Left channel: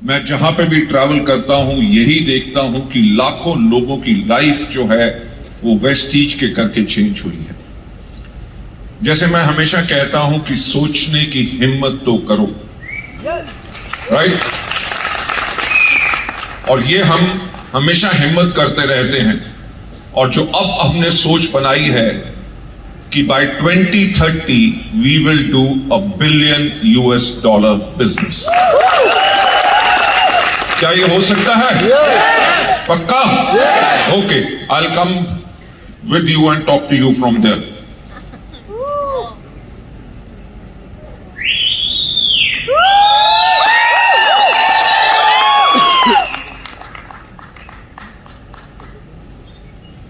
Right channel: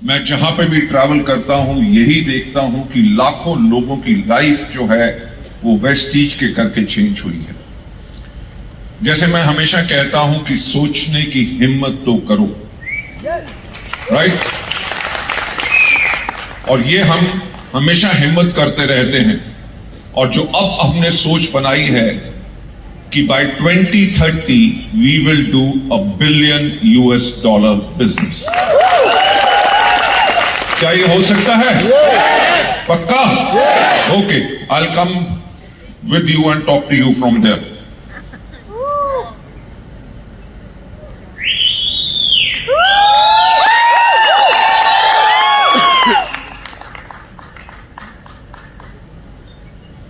मैं जहां पे भी ट्रैवल करता हूं यही देखता हूं कि लाखों लोगों की लाइफ जो है वो वेस्टीज के करके चेंज हुई है। जैसे मैं हमेशा कहता हूं कि सोचने की हिम्मत तो करो, राइट? और ये हम हमेशा हिम्मत करते रहते हैं। और जो अब हमने सोच बनाई है कि by 2030 we will do $1 billion business. क्या ये हो सकता है? पक्का? Okay, I will come with you and talk to you from there.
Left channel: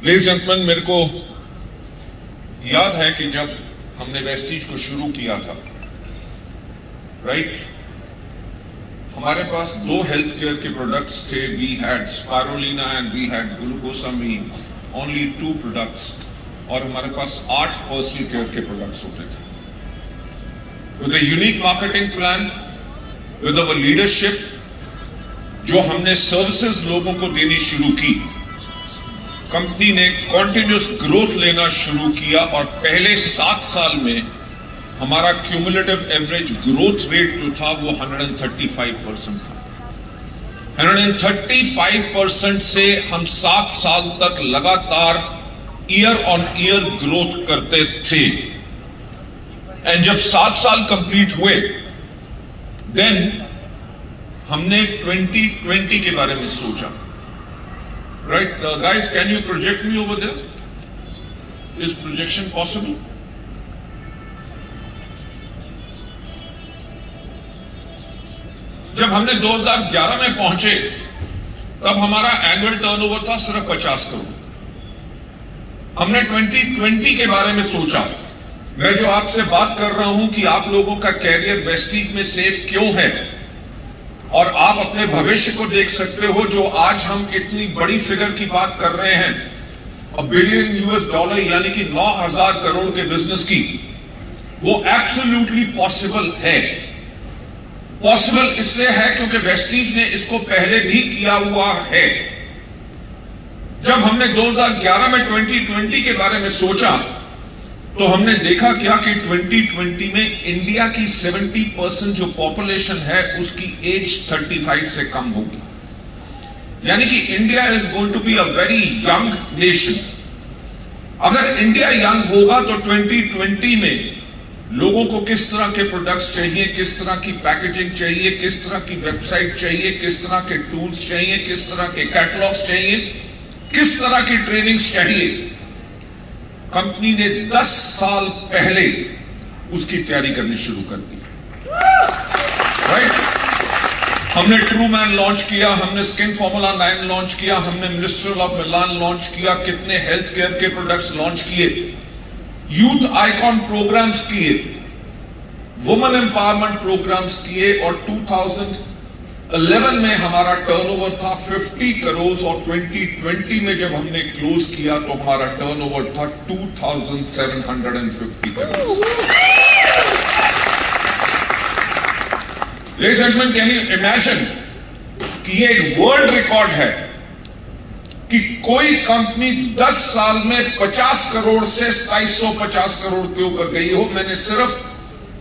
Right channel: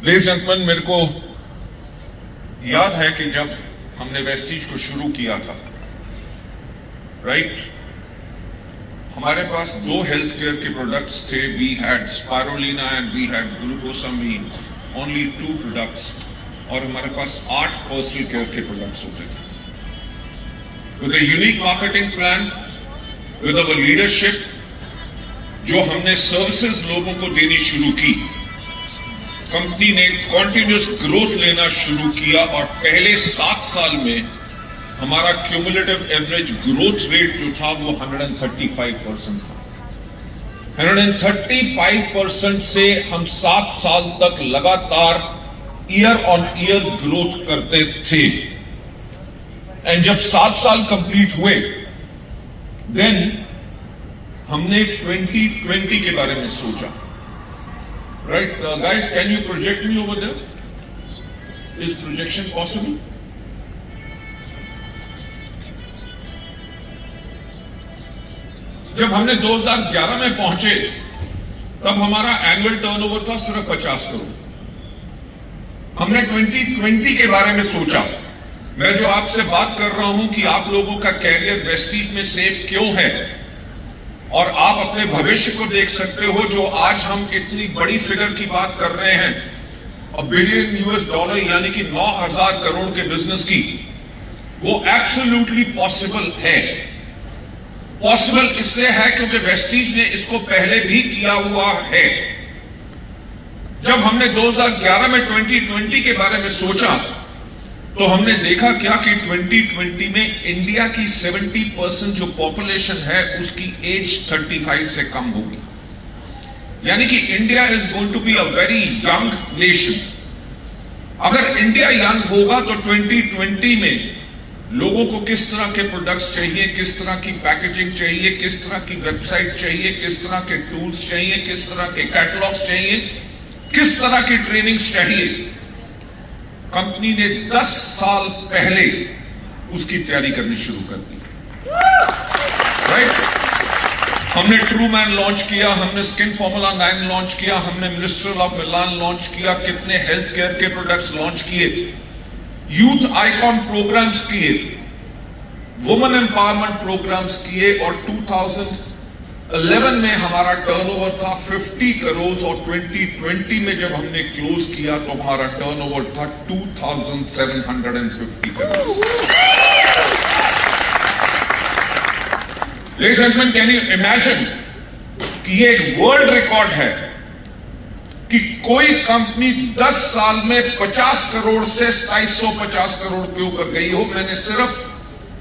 Ladies and gentleman, मेरे को याद है कि जब हमने वेस्टीज को शुरू किया था, राइट, हमारे पास 2 हेल्थ केयर के प्रोडक्ट्स थे। We had spirulina and we had glucosamine, only 2 products. और हमारे पास 8 पर्सनल केयर के प्रोडक्ट्स होते थे। With a unique marketing plan, with our leadership, जो हमने सर्विसेज लोगों को देनी शुरू की, कंपनी ने कॉन्टिन्यूस ग्रोथ लेना शुरू किया। और पहले 7 साल में हमारा क्यूमुलेटिव एवरेज ग्रोथ रेट जो था वो 135% था। 135% से हम 7 साल तक लगातार ईयर ऑन ईयर ग्रोथ करते थे। एंड जब 7 साल कंप्लीट हुए, देन हमने 2020 के बारे में सोचा। Right, guys, can you project me over there? Is projection possible? जब हमने 2011 में पहुंचे, तब हमारा एनुअल टर्नओवर था सिर्फ 50 करोड़। हमने 2020 के बारे में सोचा। मैं जो आपसे बात कर रहा हूं कि आप लोगों का कैरियर वेस्टीज में सेफ क्यों है, और आप अपने भविष्य को देख सकते हो। जो आज हम इतनी बड़ी फिगर की बात कर रहे हैं, $1 बिलियन यानी कि 9,000 करोड़ के बिजनेस की, वो एब्सोल्युटली पॉसिबल है। पॉसिबल इसलिए है क्योंकि वेस्टीज ने इसको पहले भी किया हुआ है। जब हमने 2011 में 2020 के बारे में सोचा, तो हमने देखा क्या कि 2020 में इंडिया की 70% जो पॉपुलेशन है उसकी एज 35 से कम होगी। यानी कि India is going to be a very young nation. अगर इंडिया यंग होगा तो 2020 में लोगों को किस तरह के प्रोडक्ट्स चाहिए, किस तरह की पैकेजिंग चाहिए, किस तरह की वेबसाइट चाहिए, किस तरह के टूल्स चाहिए, किस तरह के कैटलॉग्स चाहिए, किस तरह की ट्रेनिंग्स चाहिए, कंपनी ने 10 साल पहले उसकी तैयारी करनी शुरू कर दी। राइट? हमने ट्रूमैन लॉन्च किया, हमने स्किन फॉर्मूला 9 लॉन्च किया, हमने मिनिस्ट्रियल ऑफ मिलान लॉन्च किया, कितने हेल्थ केयर के प्रोडक्ट्स लॉन्च किए, यूथ आइकॉन प्रोग्राम्स किए, वुमेन एम्पावरमेंट प्रोग्राम्स किए। और 2011 में हमारा टर्नओवर था 50 करोड़ और 2020 में जब हमने क्लोज किया तो हमारा टर्नओवर था 2,750 crore. Ladies and gentleman, can you imagine कि ये एक वर्ल्ड रिकॉर्ड है कि कोई कंपनी 10 साल में 50 करोड़ से 250 करोड़ के ऊपर गई हो। मैंने सिर्फ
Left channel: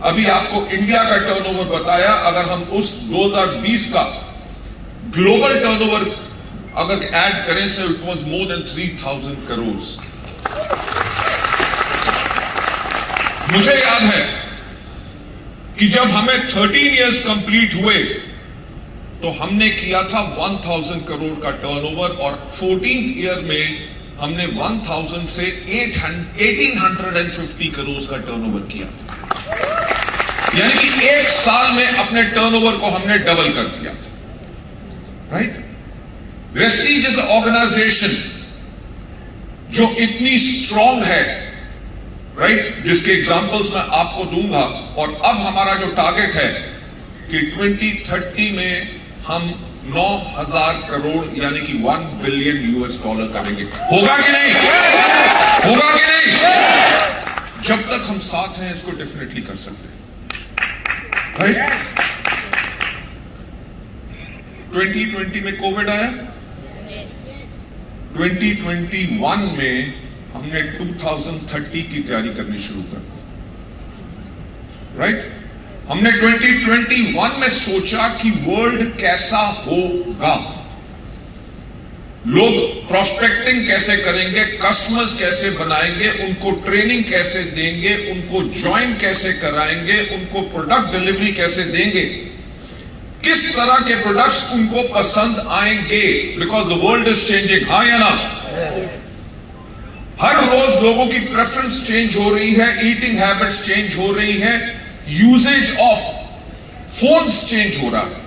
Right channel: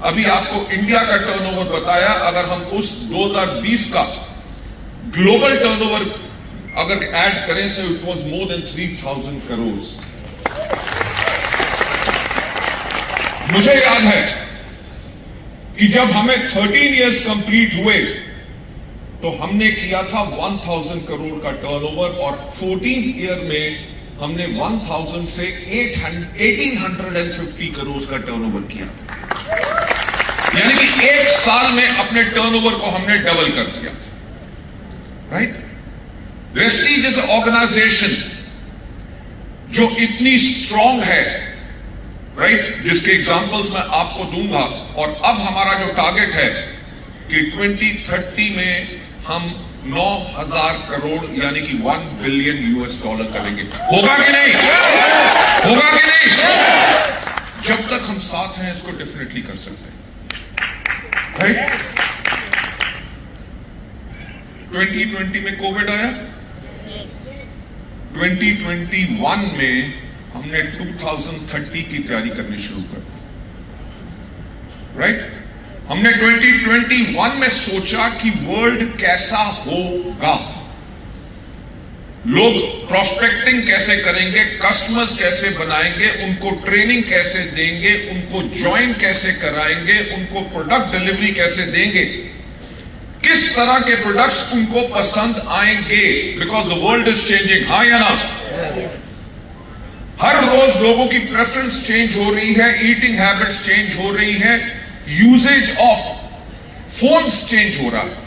अभी आपको इंडिया का टर्नओवर बताया। अगर हम उस 2020 का ग्लोबल टर्नओवर अगर ऐड करें तो it was more than 3,000 crore. मुझे याद है कि जब हमें 13 इयर्स कंप्लीट हुए तो हमने किया था 1,000 करोड़ का टर्नओवर, और 14th ईयर में हमने 1,000 से 1,850 करोड़ का टर्नओवर किया। यानी कि 1 साल में अपने टर्नओवर को हमने डबल कर दिया। राइट? वेस्टीज इज ऑर्गेनाइजेशन जो इतनी स्ट्रांग है, राइट, जिसके एग्जांपल्स मैं आपको दूंगा। और अब हमारा जो टारगेट है कि 2030 में हम 9,000 करोड़ यानी कि $1 बिलियन करेंगे। होगा कि नहीं? होगा कि नहीं? जब तक हम साथ हैं इसको डेफिनेटली कर सकते हैं। राइट? 2020 में कोविड आया, 2021 में हमने 2030 की तैयारी करनी शुरू कर दी, राइट। हमने 2021 में सोचा कि वर्ल्ड कैसा होगा, लोग प्रोस्पेक्टिंग कैसे करेंगे, कस्टमर्स कैसे बनाएंगे, उनको ट्रेनिंग कैसे देंगे, उनको ज्वाइन कैसे कराएंगे, उनको प्रोडक्ट डिलीवरी कैसे देंगे, किस तरह के प्रोडक्ट्स उनको पसंद आएंगे, because the world is changing. हाँ या ना? हर रोज लोगों की प्रेफरेंस चेंज हो रही है, ईटिंग हैबिट्स चेंज हो रही है, यूजेज ऑफ फोन्स चेंज हो रहा है।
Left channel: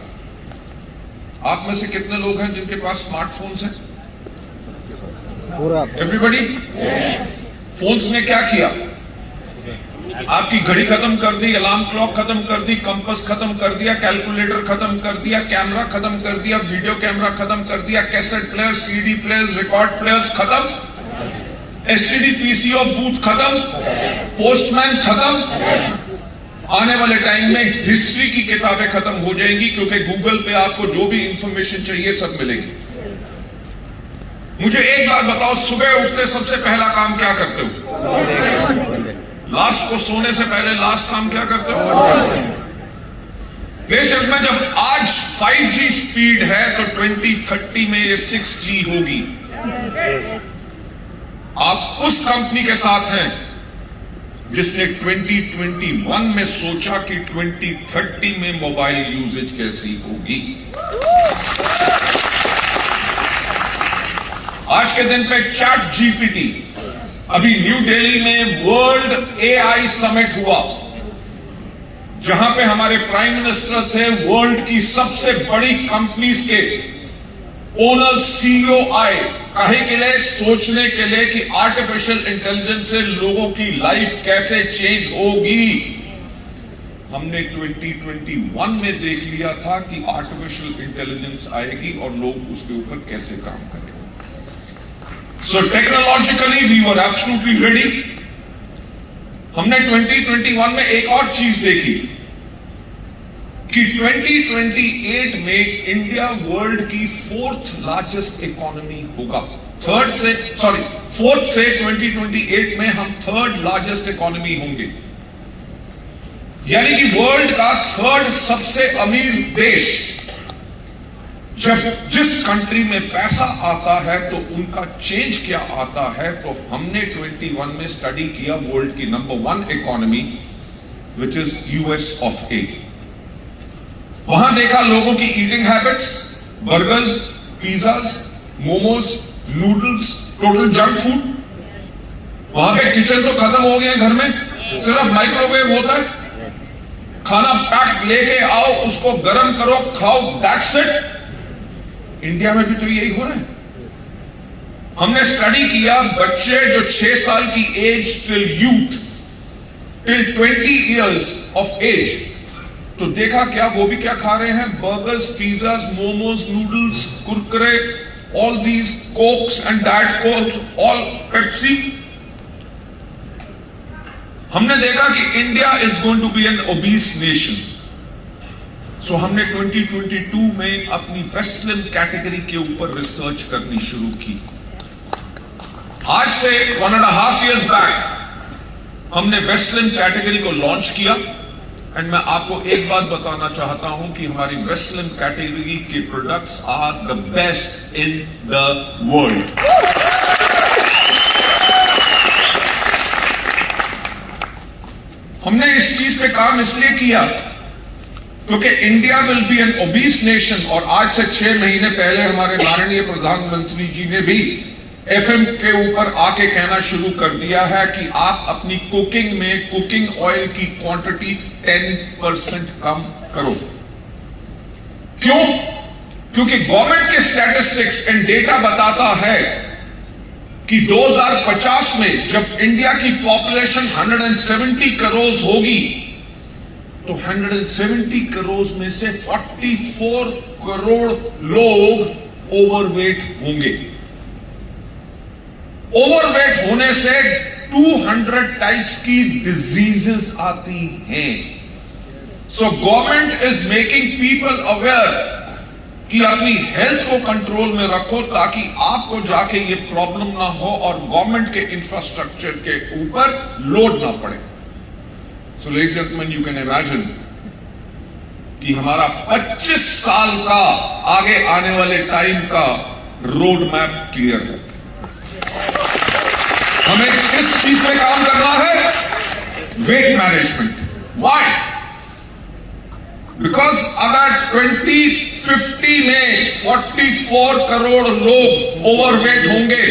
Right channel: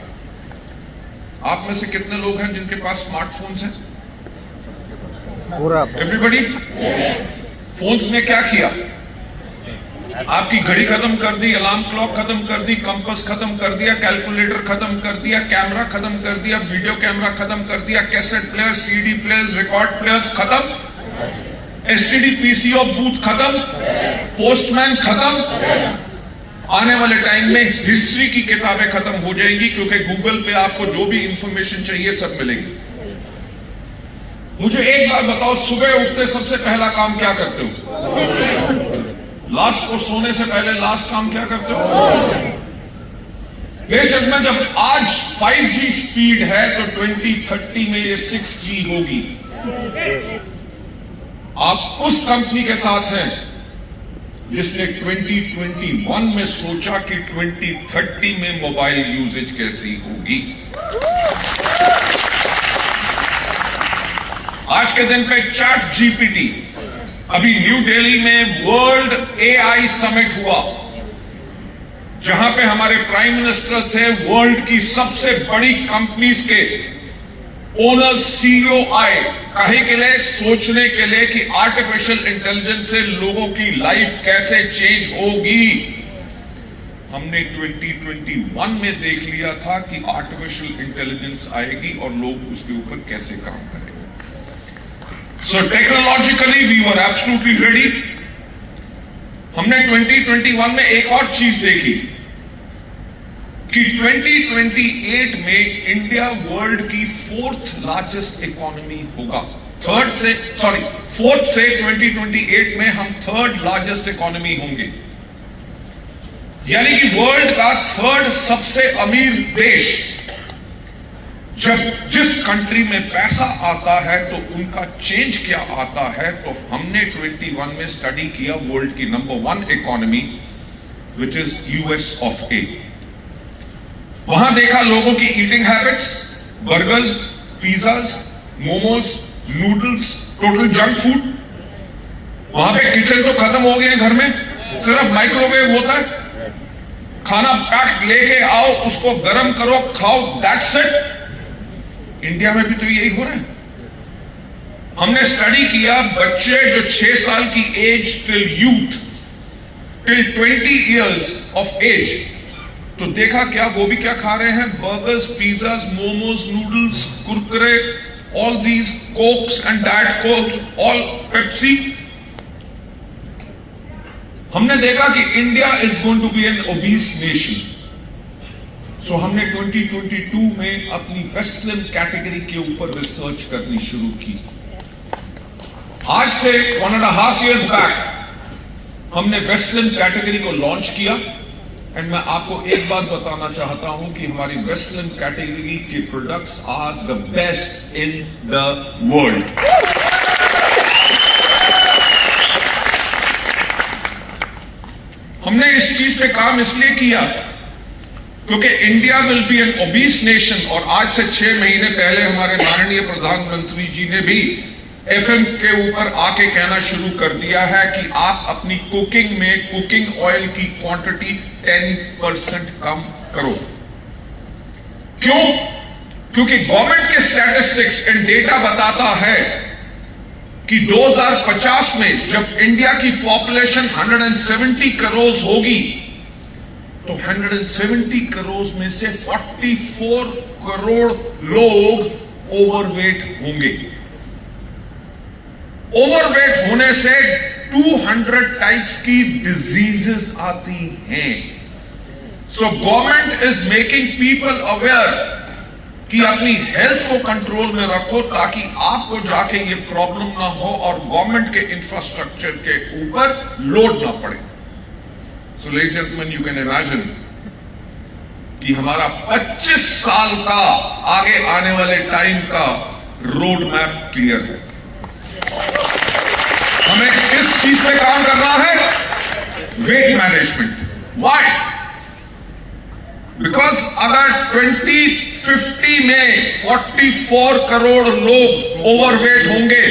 आप में से कितने लोग हैं जिनके पास स्मार्टफोन्स हैं? पूरा एवरीबॉडी। फोन्स ने क्या किया? आपकी घड़ी खत्म कर दी, अलार्म क्लॉक खत्म कर दी, कंपास खत्म कर दिया, कैलकुलेटर खत्म कर दिया, कैमरा खत्म कर दिया, वीडियो कैमरा खत्म कर दिया, cassette player, CD players, record players खत्म, एसटीडी पीसीओ बूथ खत्म, पोस्टमैन खत्म। आने वाले टाइम में हिस्ट्री की किताबें खत्म हो जाएंगी, क्योंकि गूगल पे आपको जो भी इंफॉर्मेशन चाहिए सब मिलेगी। मुझे एक बात बताओ, सुबह उठते सबसे पहला काम क्या करते हो? लास्ट को सोने से पहले लास्ट काम क्या करते हो? बेशक में जब आज 5G स्पीड है तो 2030 में ये 6G होगी। आप उस कंपनी के साथ हैं जिसने 2021 में सोचा कि 2030 में मोबाइल यूजेज कैसी होगी। आज के दिन पे चैट जीपीटी, अभी न्यू दिल्ली में वर्ल्ड एआई समिट हुआ, जहां पे हमारे प्राइम मिनिस्टर थे, वर्ल्ड की सबसे बड़ी कंपनीज के ओनर सीईओ आए, काहे के लिए? सोचने के लिए कि आर्टिफिशियल इंटेलिजेंस से लोगों की लाइफ कैसे चेंज होगी। हमने 2021 में देख लिया था कि आर्टिफिशियल इंटेलिजेंस आएगी और लोग उसके ऊपर कैसे काम करेंगे। So technologically we were absolutely ready. हमने 2021 में एक और चीज देखी कि 2028 में इंडिया वर्ल्ड की 4th लार्जेस्ट इकोनॉमी होगा। फोर्थ से 2028 में हम 3rd लार्जेस्ट इकोनॉमी होंगे, यानी कि वर्ल्ड का 3rd सबसे अमीर देश। जब जिस कंट्री में पैसा आता है तो उनका चेंज क्या आता है, तो हमने 21 में स्टडी किया वर्ल्ड की number 1 economy which is US of A. वहां देखा लोगों की eating habits, burgers, pizzas, momos, noodles, total junk food. वहां पे किचन तो खत्म हो गए घर में, सिर्फ माइक्रोवेव होता है, खाना पैक लेके आओ, उसको गर्म करो, खाओ, दैट्स इट। इंडिया में भी तो यही हो रहा है। हमने स्टडी किया बच्चे जो 6 साल की age till youth till 20 years of age, तो देखा क्या वो भी क्या खा रहे हैं? Burgers, pizzas, momos, noodles, Kurkure, all these Cokes and diet Cokes, all Pepsi. हमने देखा कि India is going to be an obese nation. So हमने 2022 में अपनी वेस्टर्न कैटेगरी के ऊपर रिसर्च करनी शुरू की। आज से 1.5 years बैक हमने वेस्टर्न कैटेगरी को लॉन्च किया। एंड मैं आपको एक बात बताना चाहता हूं कि हमारी वेस्टर्न कैटेगरी के products are the best in the world. हमने इस चीज पे काम इसलिए किया क्योंकि India will be an obese nation. और आज से 6 महीने पहले हमारे माननीय प्रधानमंत्री जी ने भी एफएम के ऊपर आके कहना शुरू कर दिया है कि आप अपनी कुकिंग में कुकिंग ऑयल की क्वांटिटी 10% कम करो। क्यों? क्योंकि गवर्नमेंट के स्टैटिस्टिक्स एंड डेटा बताता है कि 2050 में जब इंडिया की पॉपुलेशन 170 करोड़ होगी तो 170 करोड़ में से 44 करोड़ लोग ओवरवेट होंगे। ओवरवेट होने से 200 टाइप्स की डिजीजेस आती हैं। So government is making people aware कि अपनी हेल्थ को कंट्रोल में रखो ताकि आपको जाके ये प्रॉब्लम ना हो और गवर्नमेंट के इंफ्रास्ट्रक्चर के ऊपर लोड ना पड़े। सो ladies and gentleman, you can imagine कि हमारा 25 साल का आगे आने वाले टाइम का रोड मैप क्लियर है। हमें किस चीज पे काम करना है? Weight management. व्हाई? बिकॉज अगर 2050 में 44 करोड़ लोग ओवरवेट होंगे,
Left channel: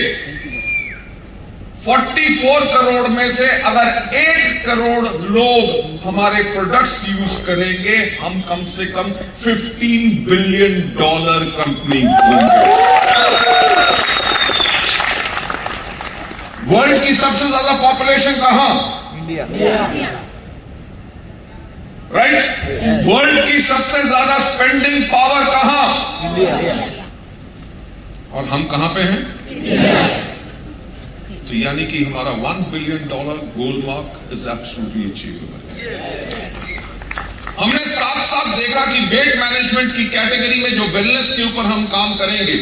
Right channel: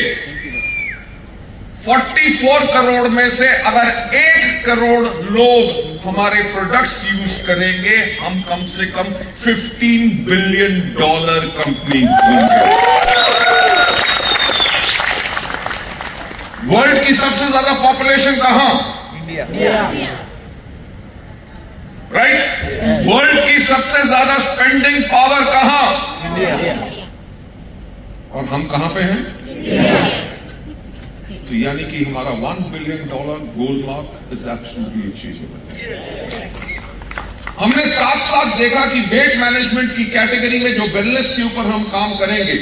44 करोड़ में से अगर 1 करोड़ लोग हमारे प्रोडक्ट्स यूज करेंगे, हम कम से कम $15 बिलियन कंपनी होंगे। वर्ल्ड की सबसे ज्यादा पॉपुलेशन कहां? इंडिया। राइट? वर्ल्ड की सबसे ज्यादा स्पेंडिंग पावर कहां? इंडिया। और हम कहां पे हैं? इंडिया। तो यानी कि हमारा $1 billion goal mark is absolutely achievable. हमने साथ साथ देखा कि वेट मैनेजमेंट की कैटेगरी में जो वेलनेस के ऊपर हम काम करेंगे,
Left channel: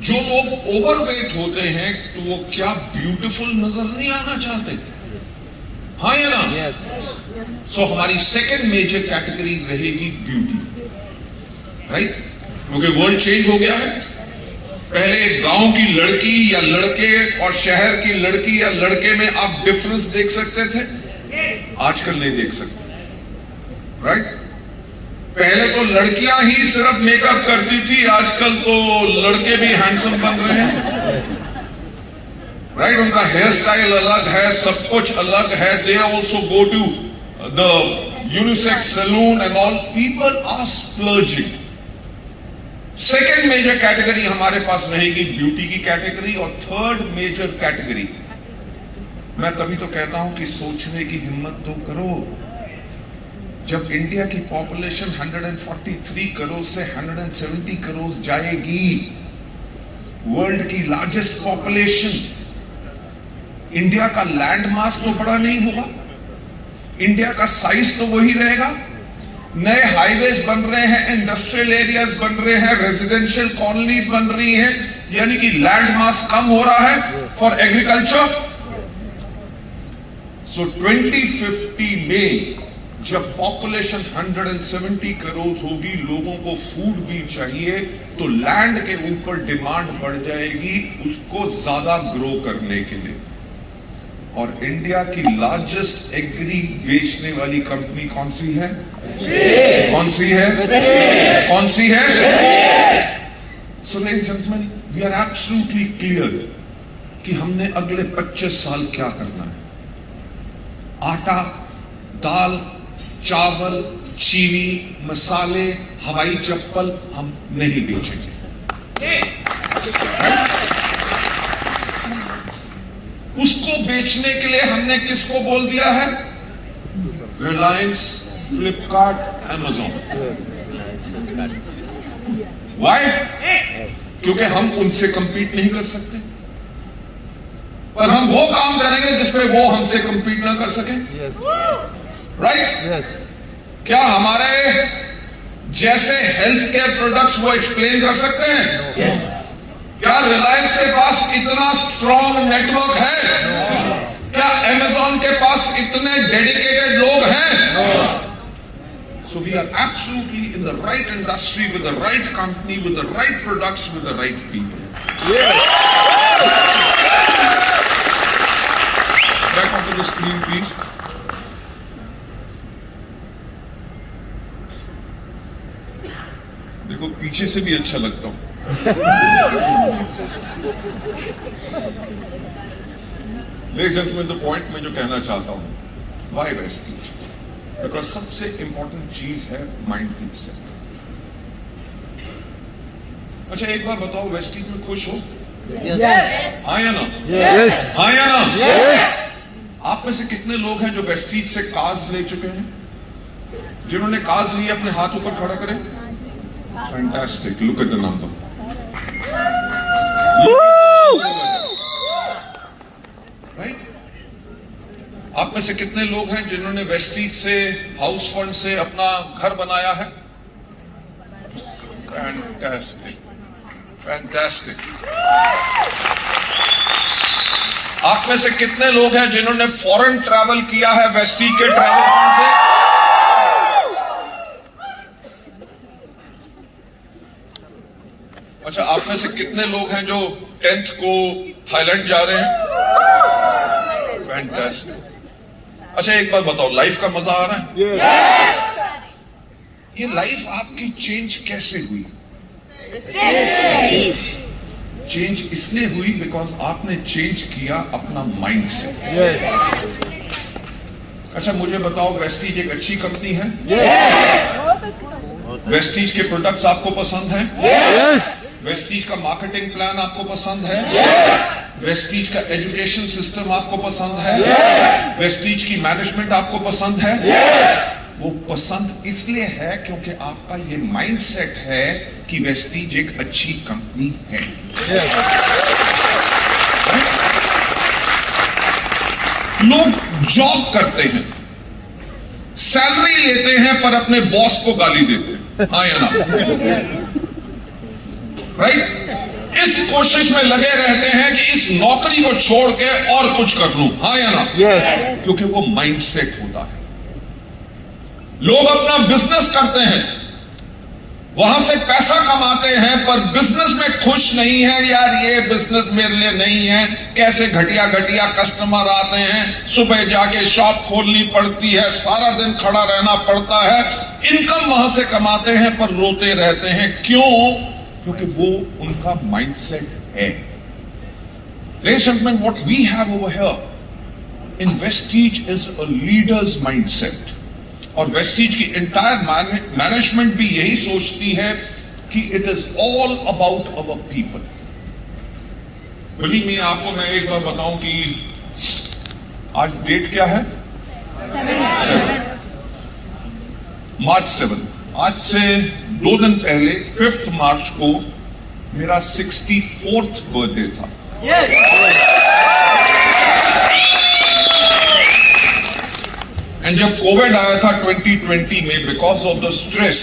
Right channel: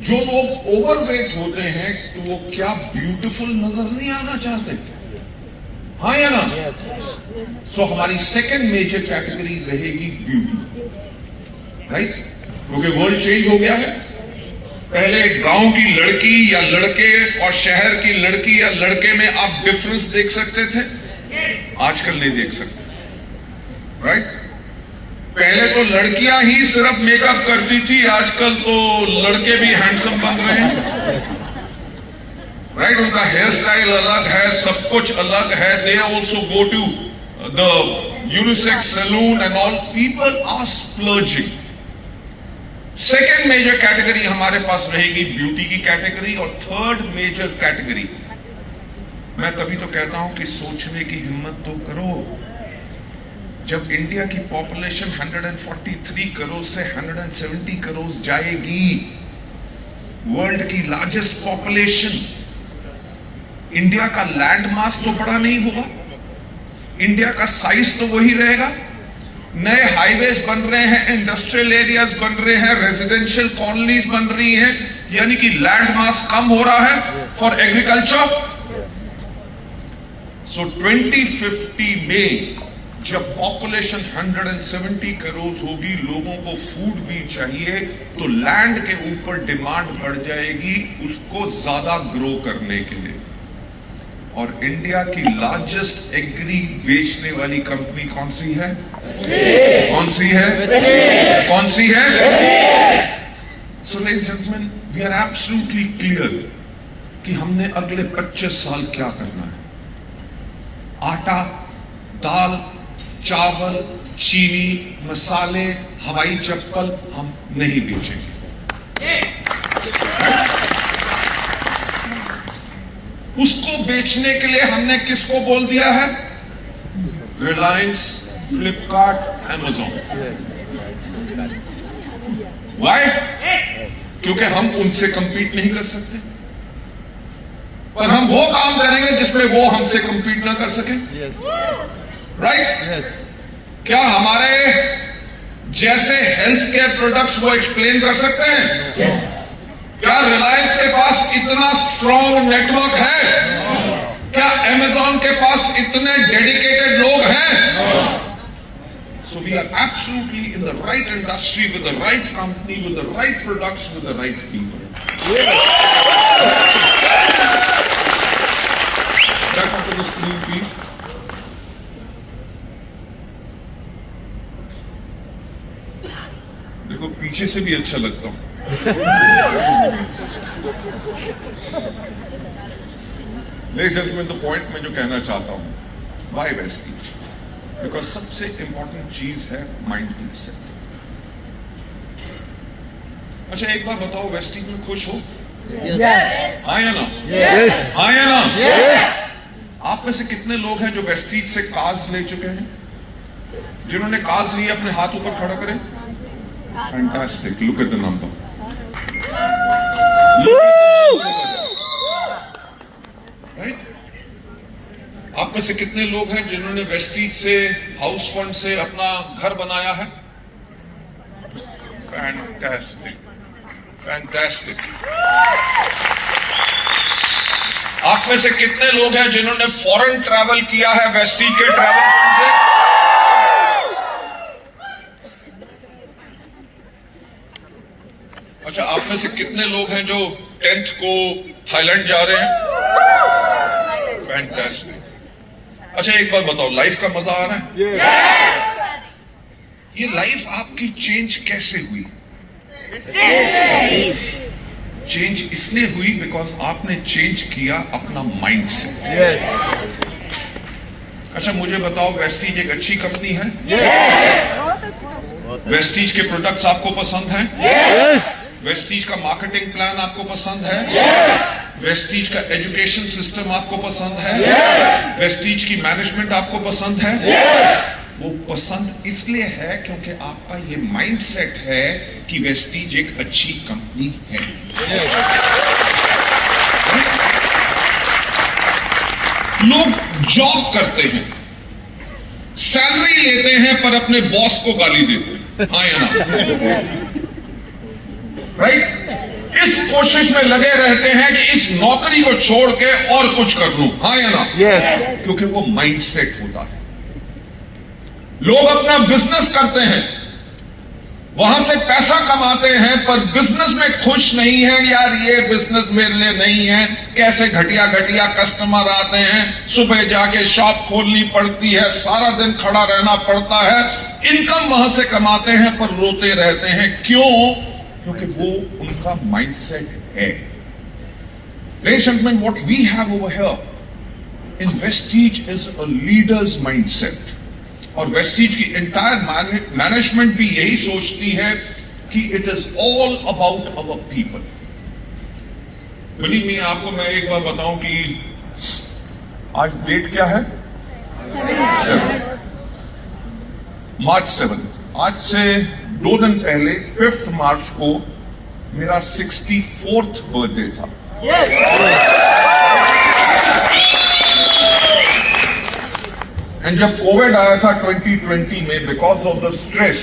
जो लोग ओवरवेट होते हैं तो वो क्या ब्यूटीफुल नजर नहीं आना चाहते? हाँ या ना? सो हमारी सेकेंड मेजर कैटेगरी रहेगी ब्यूटी। राइट? क्योंकि वर्ल्ड चेंज हो गया है। पहले गांव की लड़की या लड़के और शहर की लड़की या लड़के में आप डिफरेंस देख सकते थे, आजकल नहीं देख सकते। राइट? पहले तो लड़कियां ही सिर्फ मेकअप करती थी, आजकल तो लड़के भी हैंडसम बन रहे हैं। राइट? उनका हेयर स्टाइल अलग है, सब कुछ अलग है। They also go to the unisex salon and all. People are splurging. Second major category हमारे पास रहेगी ब्यूटी की कैटेगरी। और थर्ड मेजर कैटेगरी, मैं तभी तो कहता हूं कि सोचने की हिम्मत तो करो। जब इंडिया की पॉपुलेशन 143 करोड़ से 170 करोड़ जाएगी, वर्ल्ड की लार्जेस्ट पॉपुलेशन, इंडिया का लैंड मास तो बड़ा नहीं होगा, इंडिया का साइज तो वही रहेगा। नए हाईवेज बन रहे हैं, इंडस्ट्रियल एरियाज बन रहे हैं, रेजिडेंशियल कॉलोनीज बन रही हैं, यानी कि लैंड मास कम हो रहा है फॉर एग्रीकल्चर। सो 2050 में जब पॉपुलेशन 170 करोड़ होगी, लोगों को फूड भी चाहिए, तो लैंड के ऊपर डिमांड बढ़ जाएगी उसको ज्यादा ग्रो करने के लिए। और इंडिया की लार्जेस्ट एग्री बेचने वाली कंपनी कौन सी है? कौन सी है? कौन सी है? So ladies and gentleman, we are absolutely clear कि हमने अगले 25 साल क्या करना है। आटा, दाल, चावल, चीनी, मसाले, हवाई चप्पल हम नहीं बेचेंगे। उसको बेचने के लिए हमने किसको बोल दिया है? रिलायंस, फ्लिपकार्ट, अमेजॉन। वाई? क्योंकि हम उनसे कंपीट नहीं कर सकते, पर हम वो काम करेंगे जिसमें वो हमसे कंपीट ना कर सके। राइट? क्या हमारे जैसे हेल्थ केयर प्रोडक्ट्स वो एक्सप्लेन कर सकते हैं? क्या रिलायंस के पास इतना स्ट्रॉन्ग नेटवर्क है? क्या अमेजॉन के पास इतने डेडिकेटेड लोग हैं? So we are absolutely in the right industry with the right company with the right products with the right people. Back on to the screen please. देखो, पीछे से भी अच्छा लगता हूं। Ladies and gentleman, the point मैं जो कहना चाहता हूं, व्हाई वेस्टीज? बिकॉज सबसे इंपॉर्टेंट चीज है माइंड सेट। अच्छा, एक बार बताओ, वेस्टीज में खुश हो? हाँ या ना? हाँ या ना? आप में से कितने लोग हैं जो वेस्टीज से कार्स ले चुके हैं? जिन्होंने कार्स लिए अपने हाथ ऊपर खड़ा करें। Fantastic, look at the number. Right? आप में से कितने लोग हैं जिन्होंने वेस्टीज से, हाउस फंड से अपना घर बनाया है? Fantastic, fantastic. आप में से कितने लोग हैं जिन्होंने फॉरेन ट्रैवल किया है वेस्टीज के ट्रैवल फंड से? अच्छा, आप में से कितने लोग हैं जो 10th को थाईलैंड जा रहे हैं? फैंटास्टिक। अच्छा, एक बार बताओ, लाइफ का मजा आ रहा है? ये लाइफ आपकी चेंज कैसे हुई? चेंज इसलिए हुई बिकॉज आपने चेंज किया अपना माइंड सेट। अच्छा, मुझे बताओ, वेस्टीज एक अच्छी कंपनी है? वेस्टीज के प्रोडक्ट्स आपको पसंद हैं? वेस्टीज का मार्केटिंग प्लान आपको पसंद है? वेस्टीज का एजुकेशन सिस्टम आपको पसंद है? वेस्टीज की मैनेजमेंट आपको पसंद है? वो पसंद इसलिए है क्योंकि आपका ये माइंडसेट है कि वेस्टीज एक अच्छी कंपनी है। लोग जॉब करते हैं, सैलरी लेते हैं, पर अपने बॉस को गाली देते हैं। हाँ या ना? राइट? इस कोशिश में लगे रहते हैं कि इस नौकरी को छोड़ के और कुछ कर लूं। हाँ या ना? क्योंकि वो माइंडसेट होता है। लोग अपना बिजनेस करते हैं, वहां से पैसा कमाते हैं, पर बिजनेस में खुश नहीं है। यार, ये बिजनेस मेरे लिए नहीं है। कैसे घटिया घटिया कस्टमर आते हैं, सुबह जाके शॉप खोलनी पड़ती है, सारा दिन खड़ा रहना पड़ता है। इनकम वहां से कमाते हैं पर रोते रहते हैं। क्यों? क्योंकि वो उनका माइंडसेट है। Ladies and gentlemen, what we have over here in Vestige is a leader's mindset. और वेस्टीज की एंटायर मैनेजमेंट भी यही सोचती है कि it is all about our people. Believe me, आपको मैं एक बार बताऊं कि आज डेट क्या है? 7 मार्च। आज से 2 दिन पहले 5 मार्च को मेरा 64th बर्थडे था। एंड जब कोविड आया था 2020 में, बिकॉज ऑफ द स्ट्रेस,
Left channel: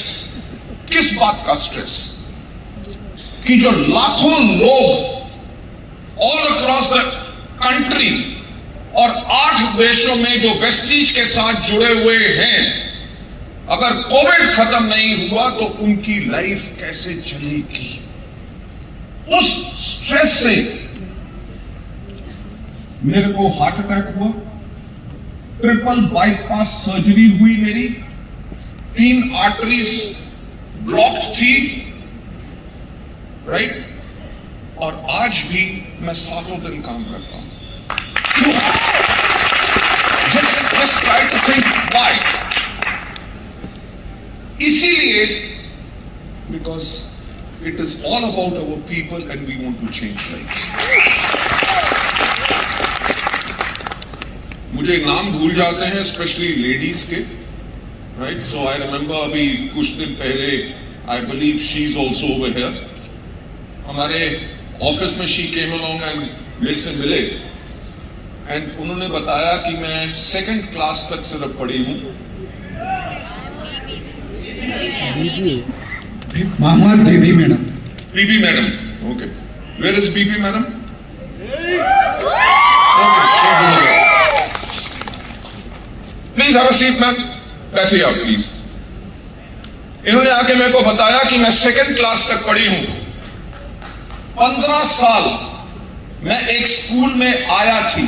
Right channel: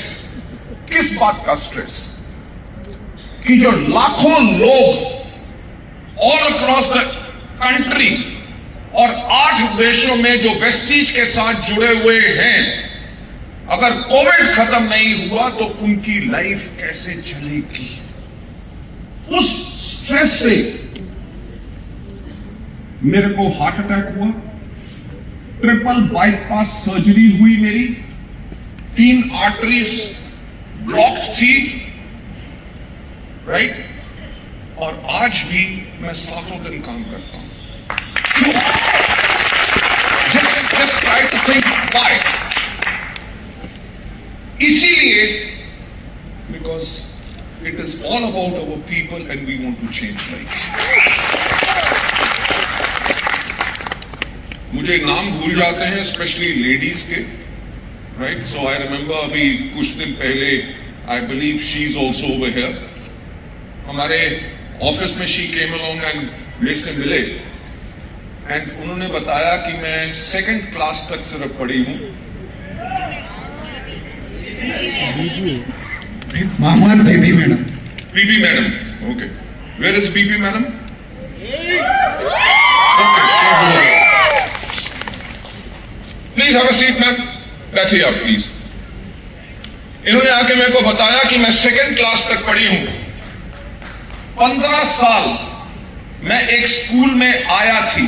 किस बात का स्ट्रेस? कि जो लाखों लोग ऑल अक्रॉस द कंट्री और 8 देशों में जो वेस्टीज के साथ जुड़े हुए हैं, अगर कोविड खत्म नहीं हुआ तो उनकी लाइफ कैसे चलेगी? उस स्ट्रेस से मेरे को हार्ट अटैक हुआ, ट्रिपल बाईपास सर्जरी हुई मेरी, 3 आर्टरीज ब्लॉक थी, राइट? और आज भी मैं 7 दिन काम करता हूं। Just try to think why. इसीलिए, because it is all about our people and we want to change lives. मुझे नाम भूल जाते हैं, स्पेशली लेडीज के, राइट? सो आई रिमेंबर अभी कुछ दिन पहले, I believe she is also over here, हमारे ऑफिस में शी केम अलोंग एंड मेरे से मिले, एंड उन्होंने बताया कि मैं 2nd क्लास तक सिर्फ पढ़ी हूं। Mohammad Bibi madam. Bibi madam, okay. Where is Bibi madam? Okay, please have a seat ma'am, बैठिए आप प्लीज। इन्होंने आके मेरे को बताया कि मैं 2nd क्लास तक पढ़ी हूं। 15 साल मैं एक स्कूल में आया थी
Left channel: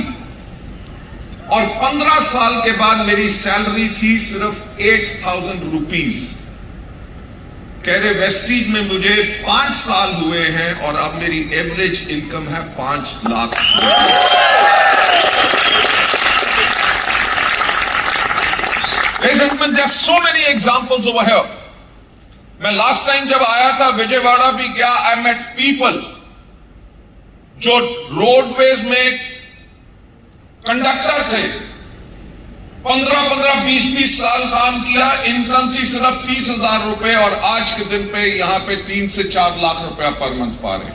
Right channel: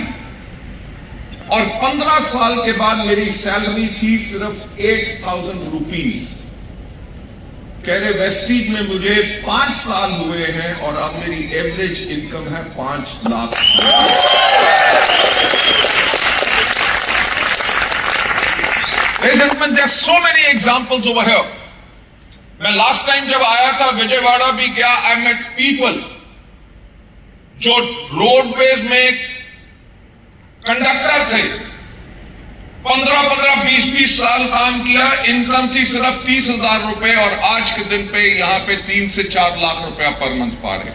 और 15 साल के बाद मेरी सैलरी थी सिर्फ 8,000 रुपीज। कह रहे वेस्टीज में मुझे 5 साल हुए हैं और अब मेरी एवरेज इनकम है 5 lakh. Ladies and gentlemen, there are so many examples over here. मैं लास्ट टाइम जब आया था विजयवाड़ा भी गया, आई मेट पीपल जो रोडवेज में कंडक्टर थे, 15-15, 20-20 साल काम किया, इनकम थी सिर्फ 30,000 रुपए और आज के दिन पे यहां पे 3 से 4 लाख रुपया पर मंथ पा रहे।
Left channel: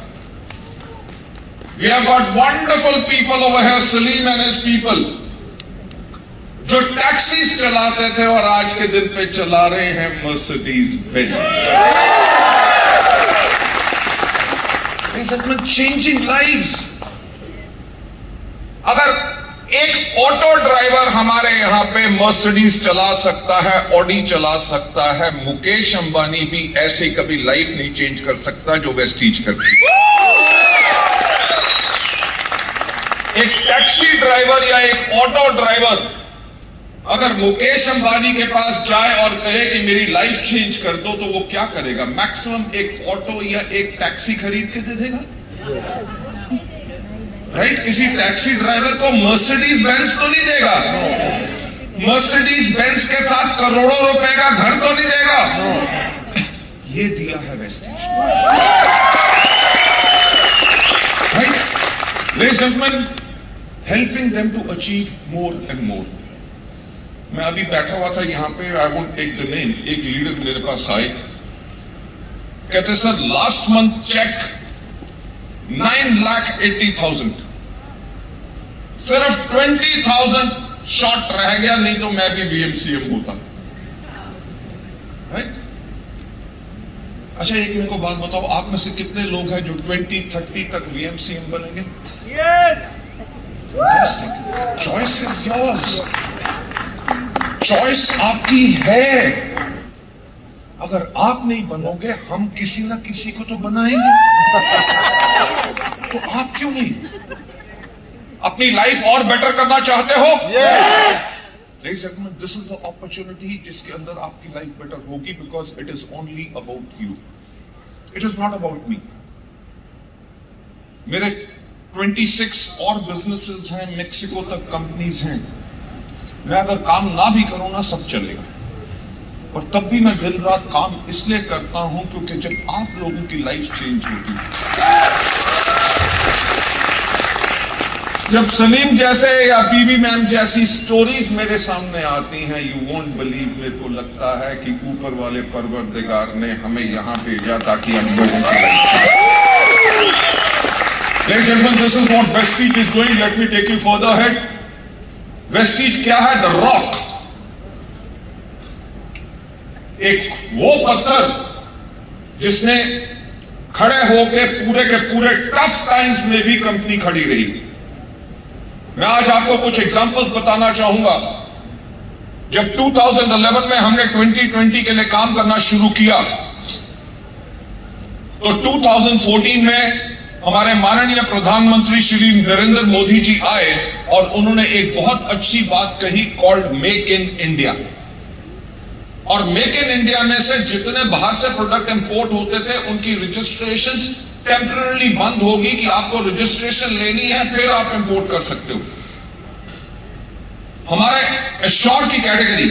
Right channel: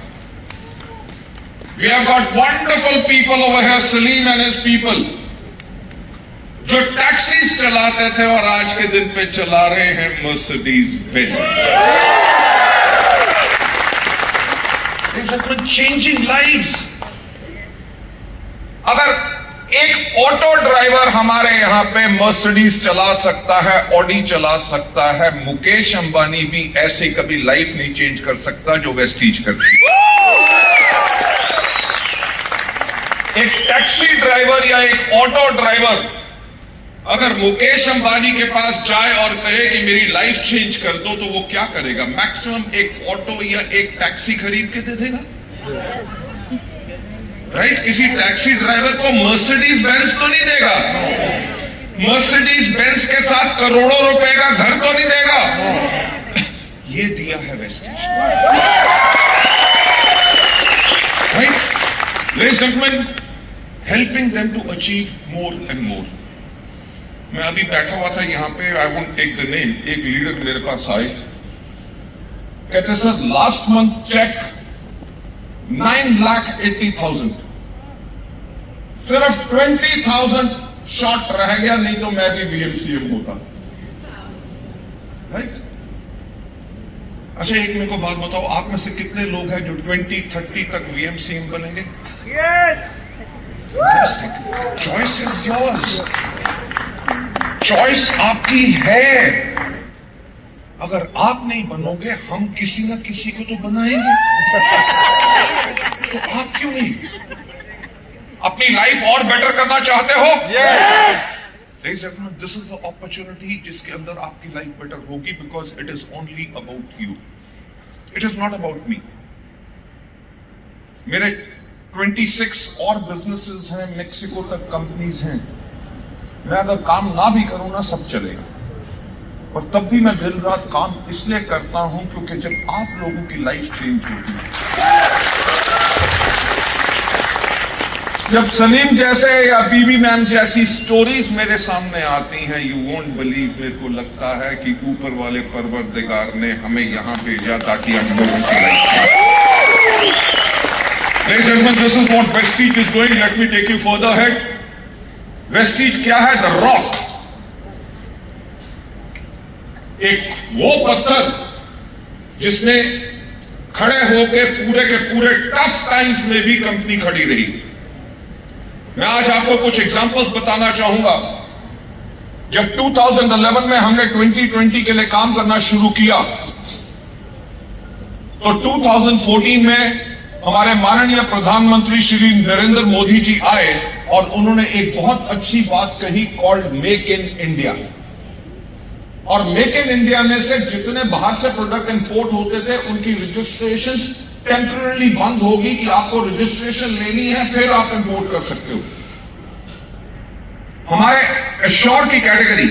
We have got wonderful people over here, Salim and his people, जो टैक्सीज चलाते थे और आज के दिन पे चला रहे हैं Mercedes Benz. Ladies and gentlemen, changing lives. अगर एक ऑटो ड्राइवर हमारे यहां पे मर्सिडीज चला सकता है, ऑडी चला सकता है, मुकेश अंबानी भी ऐसे कभी लाइफ नहीं चेंज कर सकता जो वेस्टीज करती। एक टैक्सी ड्राइवर या एक ऑटो ड्राइवर अगर मुकेश अंबानी के पास जाए और कहे कि मेरी लाइफ चेंज कर दो, तो वो क्या करेगा? मैक्सिमम एक ऑटो या एक टैक्सी खरीद के दे देगा, राइट? किसी टैक्सी ड्राइवर को मर्सिडीज बेंज तो नहीं देगा, मर्सिडीज बेंज के साथ करोड़ों रुपए का घर तो नहीं देगा। ये दिया है Vestige, right? Ladies and gentleman, helping them to achieve more and more. मैं अभी बैठा हुआ था यहां पे, I won't take the name, एक लीडर मेरे पास आए, कहते सर लास्ट मंथ चेक 9,80,000, सिर्फ 20,000 शॉर्ट रह गया, नहीं तो मैं भी वीएमसीएम होता, राइट? अच्छा एक मेरे को बात बताओ, आप में से कितने लोग हैं जो 2030 तक वीएमसीएम बनेंगे? चॉइस इज योर्स, चॉइस आपकी है। अगर आप नहीं बनोगे, हम किसी ना किसी को तो बनाएंगे, तो आप क्यों नहीं? अपनी लाइफ और बेटर करना चाहते हो? दिस इज द अपॉर्चुनिटी जिसके अंदर आपकी लाइफ बेटर होगी, because it is only about you, it is not about me. मेरे 26 और बिजनेसेस हैं, मेक्सिको तक कंपनीज हैं। मैं अगर काम ना भी करूं ना, सब चलेगा, पर तब भी मैं दिन रात काम इसलिए करता हूं क्योंकि जब आप लोगों की लाइफ चेंज होगी, जब सलीम जैसे या बीबी मैम जैसी स्टोरीज मेरे सामने आती हैं, यू वोंट बिलीव, मेरे को लगता है कि ऊपर वाले परवरदिगार ने हमें यहां भेजा ताकि हम लोगों की life. Ladies and gentlemen, this is what Vestige is doing. Let me take you further ahead. Vestige क्या है? द रॉक, एक वो पत्थर जिसने खड़े होकर पूरे के पूरे टफ टाइम्स में भी कंपनी खड़ी रही। मैं आज आपको कुछ एग्जांपल्स बताना चाहूंगा। जब 2011 में हमने 2020 के लिए काम करना शुरू किया, तो 2014 में हमारे माननीय प्रधानमंत्री श्री नरेंद्र मोदी जी आए और उन्होंने एक बहुत अच्छी बात कही, कॉल्ड मेक इन इंडिया। और मेक इन इंडिया में से जितने बाहर से प्रोडक्ट इंपोर्ट होते थे, उनकी रजिस्ट्रेशंस टेम्पररी बंद होगी कि आपको रजिस्ट्रेशन लेनी है, फिर आप इंपोर्ट कर सकते हो। हमारे एश्योर की कैटेगरी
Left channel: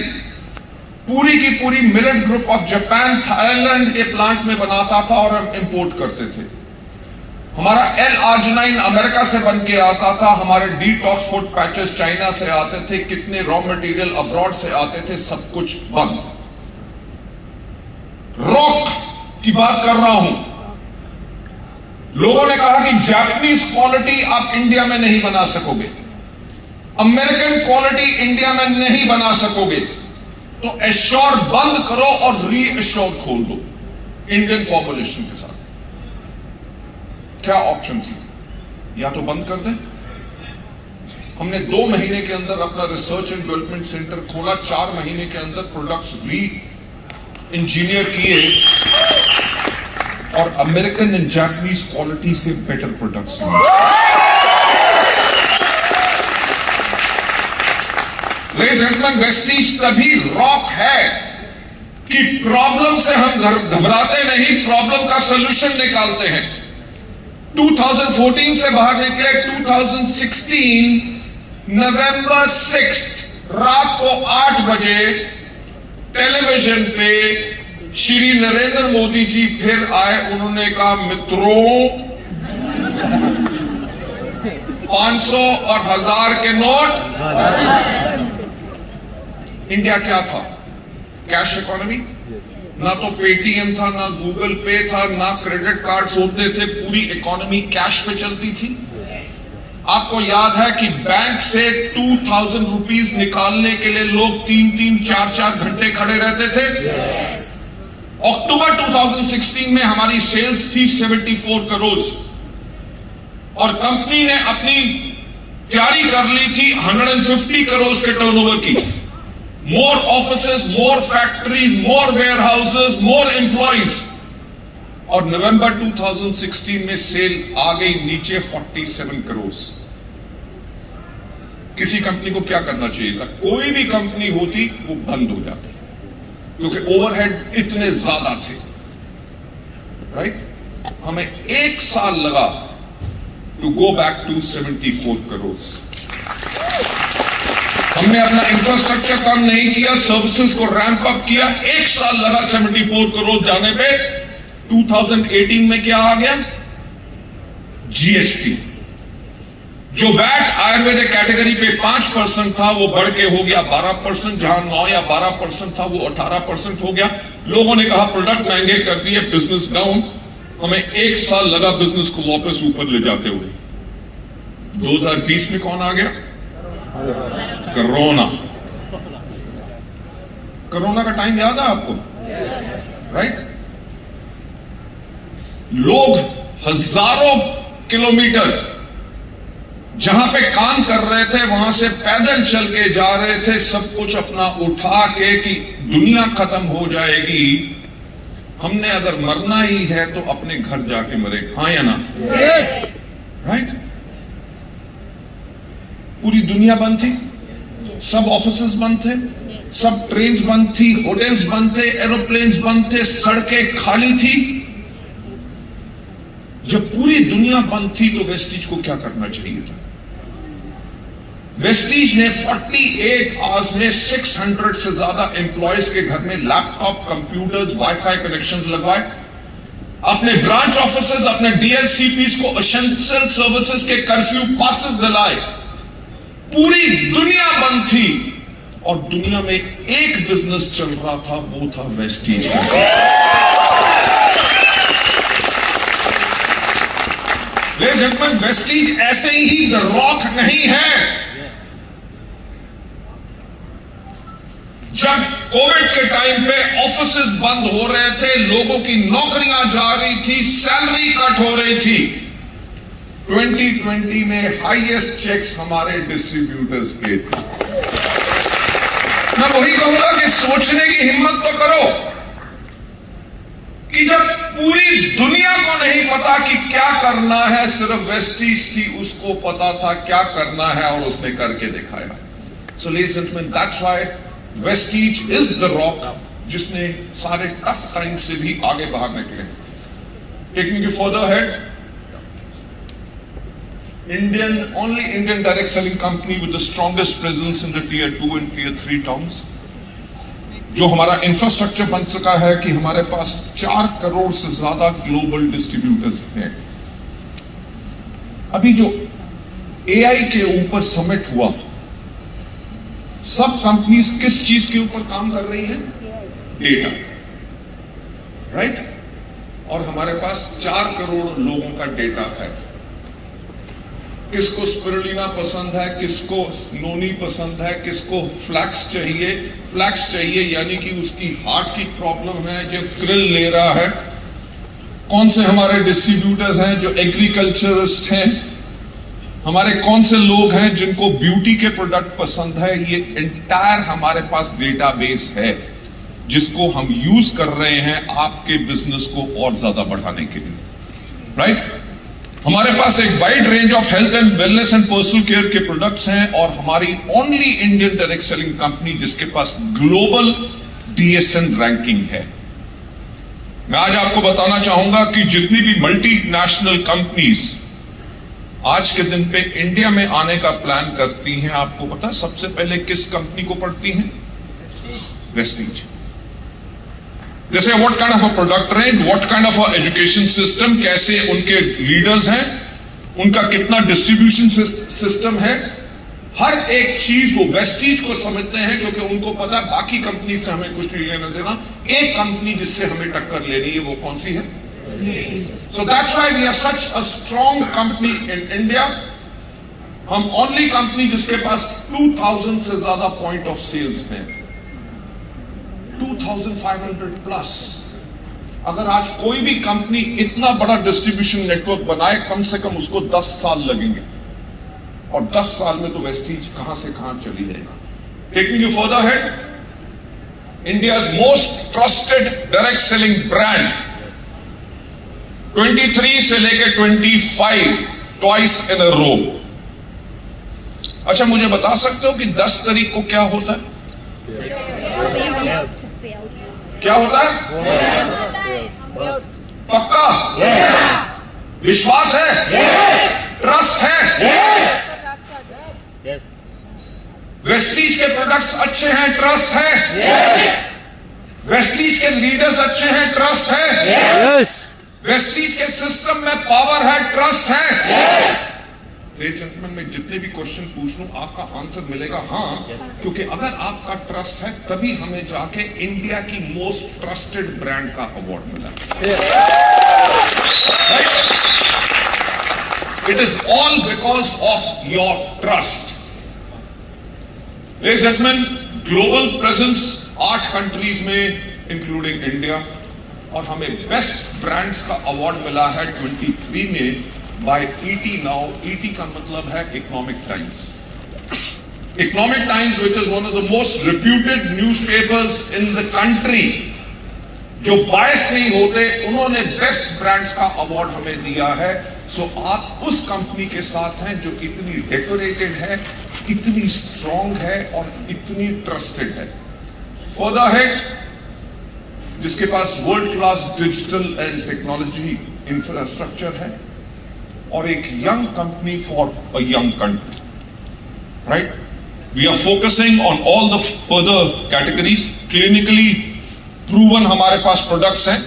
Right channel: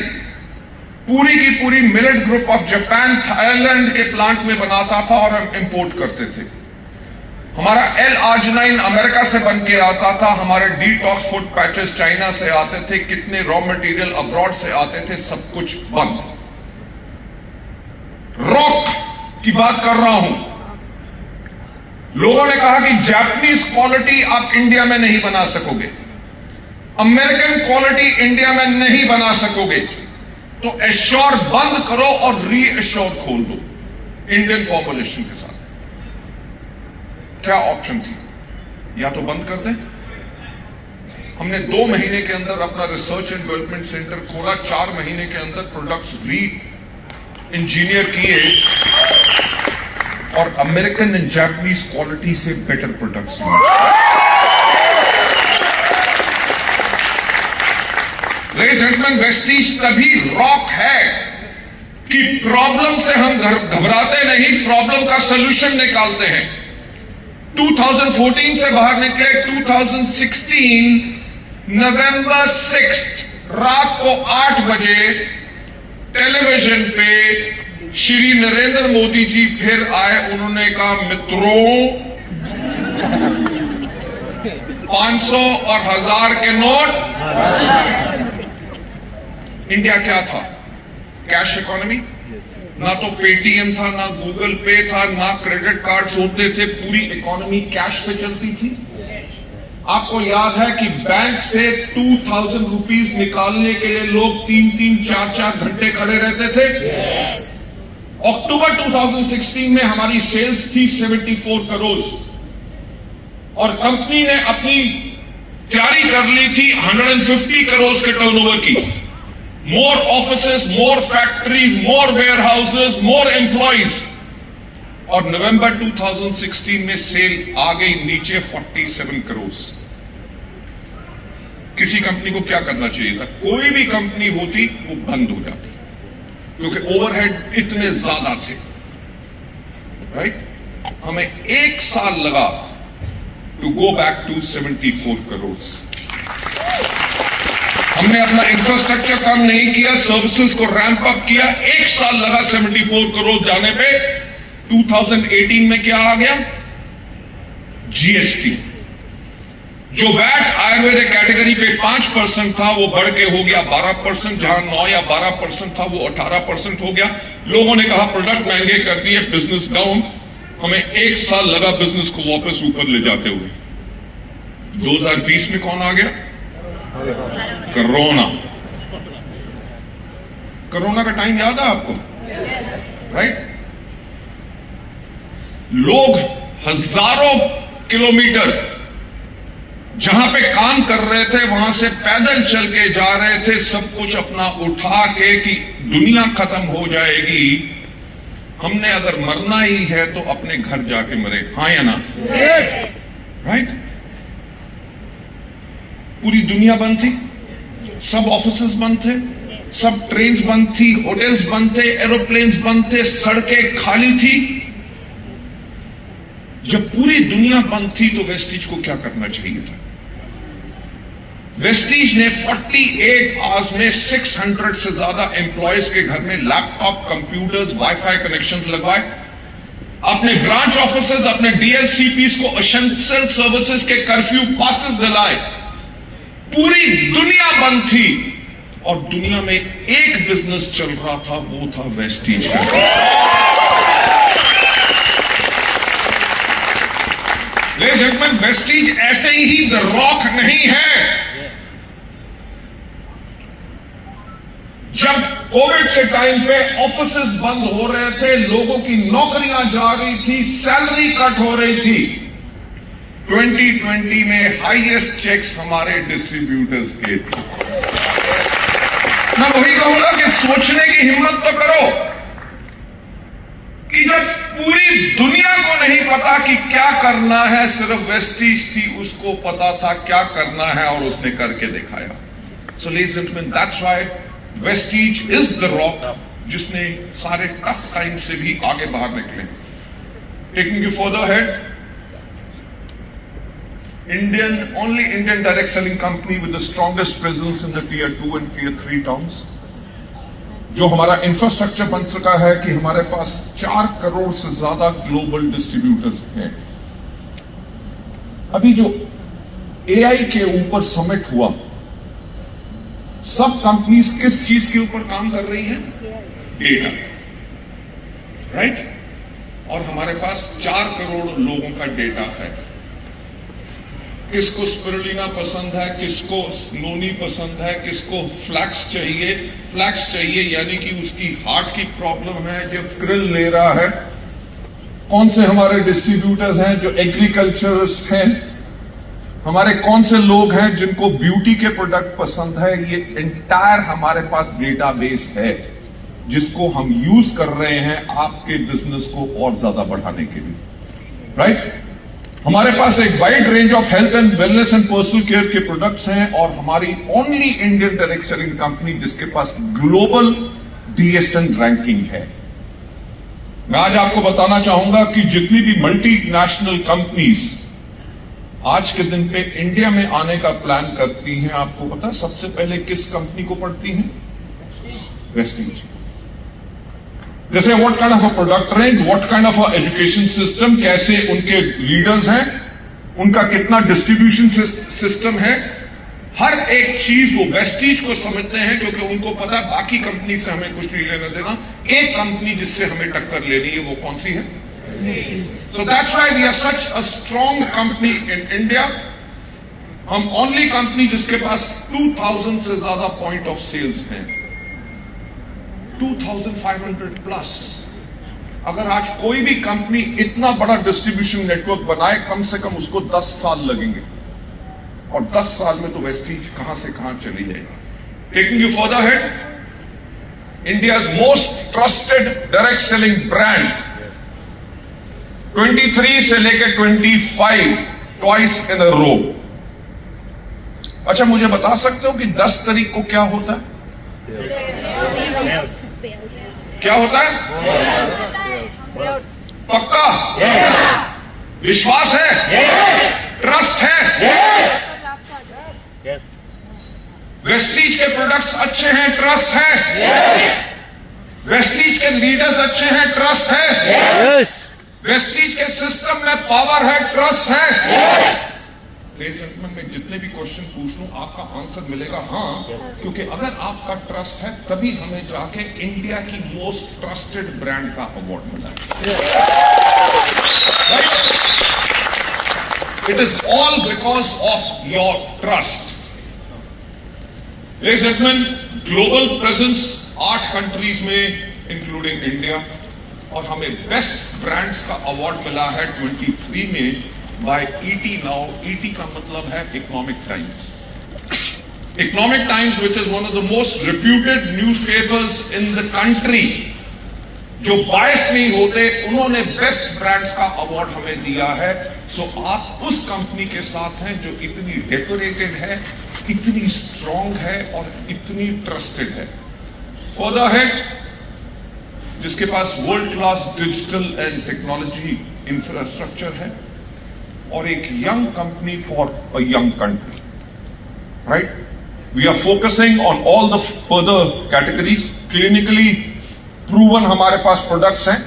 पूरी की पूरी millet group of Japan, Thailand के प्लांट में बनाता था और हम इंपोर्ट करते थे। हमारा L-arginine अमेरिका से बन के आता था, हमारे डिटॉक्स फूड पैचेस चाइना से आते थे, कितने रॉ मटेरियल अब्रॉड से आते थे, सब कुछ बंद। रॉक की बात कर रहा हूं। लोगों ने कहा कि जापानीज क्वालिटी आप इंडिया में नहीं बना सकोगे, अमेरिकन क्वालिटी इंडिया में नहीं बना सकोगे, तो एश्योर बंद करो और री एश्योर खोल दो इंडियन फॉर्मुलेशन के साथ। क्या ऑप्शन थी? या तो बंद कर दें। हमने 2 महीने के अंदर अपना रिसर्च एंड डेवलपमेंट सेंटर खोला, 4 महीने के अंदर प्रोडक्ट्स री इंजीनियर किए और अमेरिकन एंड जापानीज क्वालिटी से बेटर प्रोडक्ट्स बने। लेडीज एंड जेंटलमैन, वेस्टीज तभी रॉक है कि प्रॉब्लम से हम घबराते नहीं, प्रॉब्लम का सॉल्यूशन निकालते हैं। 2014 से बाहर निकले, 2016 नवंबर 6 रात को 8 बजे टेलीविजन पे श्री नरेंद्र मोदी जी फिर आए। उन्होंने कहा, मित्रों 500 और 1000 के नोट। इंडिया क्या था? Cash economy. ना तो पेटीएम था, ना गूगल पे था, ना क्रेडिट कार्ड्स होते थे, पूरी इकोनॉमी कैश पे चलती थी। आपको याद है कि बैंक से 2000 रुपीज निकालने के लिए लोग 3-3, 4-4 घंटे खड़े रहते थे। अक्टूबर 2016 में हमारी सेल्स थी 74 करोड़। और कंपनी ने अपनी तैयारी कर ली थी 150 करोड़ के टर्नओवर की। More offices, more factories, more warehouses, more employees. और नवंबर 2016 में सेल आ गई नीचे 47 करोड़। किसी कंपनी को क्या करना चाहिए था? कोई भी कंपनी होती वो बंद हो जाती, क्योंकि ओवरहेड इतने ज्यादा थे, राइट? हमें 1 साल लगा to go back to 74 crore. हमने अपना इंफ्रास्ट्रक्चर काम नहीं किया, सर्विसेज को रैंप अप किया, 1 साल लगा 74 करोड़ जाने पे। 2018 में क्या आ गया? जीएसटी। जो वैट आयुर्वेदिक कैटेगरी पे 5% था वो बढ़ के हो गया 12%, जहां 9 या 12% था वो 18% हो गया। लोगों ने कहा प्रोडक्ट महंगे कर दिए, बिजनेस डाउन। हमें 1 साल लगा बिजनेस को वापस ऊपर ले जाते हुए। 2020 में कौन आ गया? कोरोना। कोरोना का टाइम याद है आपको? राइट? लोग हजारों किलोमीटर जहां पे काम कर रहे थे वहां से पैदल चल के जा रहे थे, सब कुछ अपना उठा के कि दुनिया खत्म हो जाएगी, हमने अगर मरना ही है तो अपने घर जाके मरे। हाँ या ना? राइट? पूरी दुनिया बंद थी, सब ऑफिसेस बंद थे, सब ट्रेन्स बंद थी, होटल्स बंद थे, एरोप्लेन्स बंद थे, सड़कें खाली थी। जब पूरी दुनिया बंद थी तो वेस्टीज को क्या करना चाहिए था? वेस्टीज ने 48 आवर्स में 600 से ज्यादा एम्प्लॉयज के घर में लैपटॉप, कंप्यूटर्स, वाईफाई कनेक्शंस लगवाए। अपने ब्रांच ऑफिसेज, अपने डीएलसीपीस को एसेंशियल सर्विसेज के कर्फ्यू पासेस दिलाए। पूरी दुनिया बंद थी और दुनिया में एक बिजनेस चल रहा था, वो था वेस्टीज का। लेडीज एंड जेंटलमैन, वेस्टीज ऐसे ही द रॉक नहीं है। जब कोविड के टाइम पे ऑफिसेस बंद हो रहे थे, लोगों की नौकरियां जा रही थी, सैलरी कट हो रही थी, 2020 में हाईएस्ट चेक्स हमारे डिस्ट्रीब्यूटर्स के थे। मैं वही कहूंगा कि सोचने की हिम्मत तो करो कि जब पूरी दुनिया को नहीं पता कि क्या करना है, सिर्फ वेस्टीज थी उसको पता था क्या करना है और उसने करके दिखाया। सो ladies and gentleman, that's why Vestige is the rock जिसने सारे टफ टाइम से भी आगे बाहर निकले। Taking you further head, only Indian direct selling company with the strongest presence in the tier 2 and tier 3 towns. जो हमारा इंफ्रास्ट्रक्चर बन सका है कि हमारे पास 4 करोड़ से ज्यादा ग्लोबल डिस्ट्रीब्यूटर्स हैं। अभी जो एआई के ऊपर समिट हुआ, सब कंपनीज किस चीज के ऊपर काम कर रही हैं? Data, right? और हमारे पास 4 करोड़ लोगों का डेटा है। किसको स्पिरुलिना पसंद है, किसको नोनी पसंद है, किसको फ्लैक्स चाहिए। फ्लैक्स चाहिए यानी कि उसकी हार्ट की प्रॉब्लम है, जो क्रिल ले रहा है। कौन से हमारे डिस्ट्रीब्यूटर्स हैं जो एग्रीकल्चरिस्ट हैं? हमारे कौन से लोग हैं जिनको ब्यूटी के प्रोडक्ट पसंद है? ये एंटायर हमारे पास डेटाबेस है जिसको हम यूज कर रहे हैं आपके बिजनेस को और ज्यादा बढ़ाने के लिए, राइट? हमारे पास एक wide range of health and wellness and personal care के प्रोडक्ट्स हैं और हमारी only Indian direct selling company जिसके पास ग्लोबल डीएसएन रैंकिंग है। मैं आज आपको बताना चाहूंगा कि जितनी भी मल्टीनेशनल कंपनीज आज के दिन पे इंडिया में आने का प्लान करती हैं, आपको पता सबसे पहले किस कंपनी को पढ़ती हैं? वेस्टीज। जैसे what kind of a product range, what kind of a education system, कैसे उनके लीडर्स हैं, उनका कितना डिस्ट्रीब्यूशन सिस्टम है, हर एक चीज वो वेस्टीज को समझते हैं क्योंकि उनको पता है बाकी कंपनी से हमें कुछ नहीं लेना देना। एक कंपनी जिससे हमें टक्कर लेनी है वो कौन सी है? So that's why we are such a strong company in India. हम ओनली कंपनी जिसके पास 2000 से ज्यादा पॉइंट ऑफ सेल्स हैं, 2500 प्लस। अगर आज कोई भी कंपनी इतना बड़ा डिस्ट्रीब्यूशन नेटवर्क बनाए, कम से कम उसको 10 साल लगेंगे, और 10 साल में तो वेस्टीज कहां से कहां चली जाएगी। Taking you further head, India's most trusted direct selling brand 23 से लेकर 25 ट्वाइस इन अ रो। अच्छा, मुझे बता सकते हो कि 10 तारीख को क्या होता है? क्या होता है? पक्का? विश्वास है? ट्रस्ट है? वेस्टीज के प्रोडक्ट्स अच्छे हैं, ट्रस्ट है? वेस्टीज के लीडर्स अच्छे हैं, ट्रस्ट है? वेस्टीज के सिस्टम में पावर है, ट्रस्ट है? मैं जितने भी क्वेश्चन पूछ लूं आपका आंसर मिलेगा हाँ, क्योंकि अगर आपका ट्रस्ट है तभी हमें जाके इंडिया की मोस्ट ट्रस्टेड ब्रांड का अवार्ड मिला। It is all because of your trust. Ladies and gentlemen, global presence 8 countries में इंक्लूडिंग इंडिया, और हमें बेस्ट ब्रांड्स का अवार्ड मिला है 23 में बाय ET Now। ET का मतलब है economic times. Economic times which is one of the most reputed newspapers in the country, जो बायस नहीं होते, उन्होंने बेस्ट ब्रांड्स का अवार्ड हमें दिया है। सो आप उस कंपनी के साथ हैं जो इतनी डेकोरेटेड है, इतनी स्ट्रांग है और इतनी ट्रस्टेड है। फर्दर है जिसके पास world class digital and technology infrastructure है, और एक young company for a young country, right? We are focusing on all the further categories. Clinically proven हमारे पास प्रोडक्ट्स हैं।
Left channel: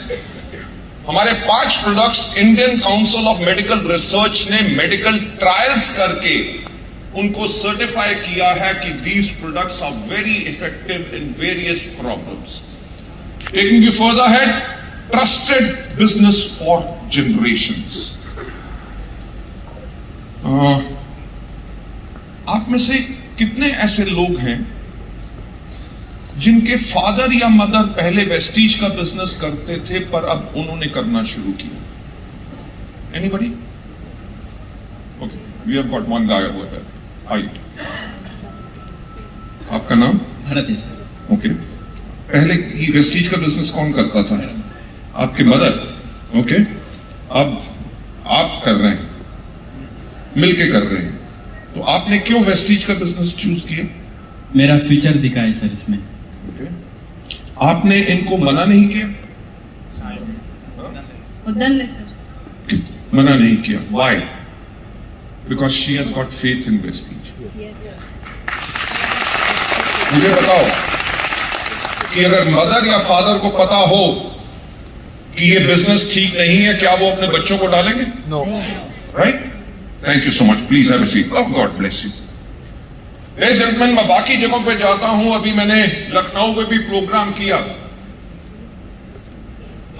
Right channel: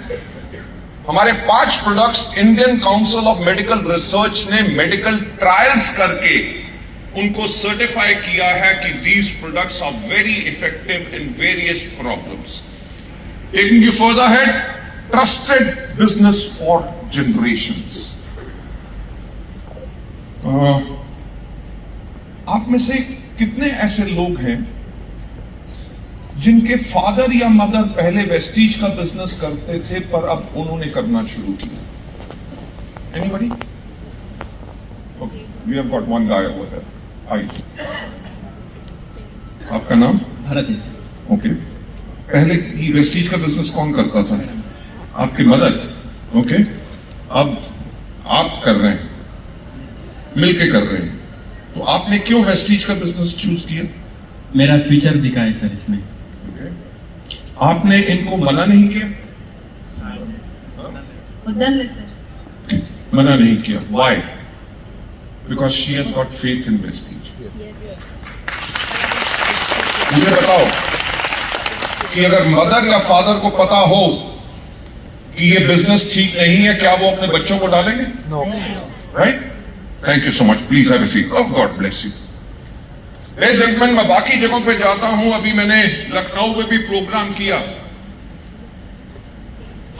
हमारे 5 products Indian Council of Medical Research ने मेडिकल ट्रायल्स करके उनको सर्टिफाई किया है कि these products are very effective in various problems. Taking you further head, trusted business for generations. आप में से कितने ऐसे लोग हैं जिनके फादर या मदर पहले वेस्टीज का बिजनेस करते थे पर अब उन्होंने करना शुरू किया? Anybody? Okay, we have got one guy over here. आइए, आपका नाम? भरत है सर। ओके, पहले ये वेस्टीज का बिजनेस कौन करता था? आपकी मदर। ओके, अब आप कर रहे हैं, मिलके कर रहे हैं, तो आपने क्यों वेस्टीज का बिजनेस चूज किया? मेरा फ्यूचर दिखा है सर इसमें। आपने इनको मना नहीं किया? सर मना नहीं किया। Why? Because she has got faith in Prestige. मुझे बताओ कि अगर मदर या फादर को पता हो कि ये बिजनेस ठीक नहीं है, क्या वो अपने बच्चों को डालेंगे? No. Right? Thank you so much. Please have a seat. Oh God bless you. Ladies and gentleman, मैं बाकी जगहों पे जाता हूं, अभी मैंने लखनऊ में भी प्रोग्राम किया।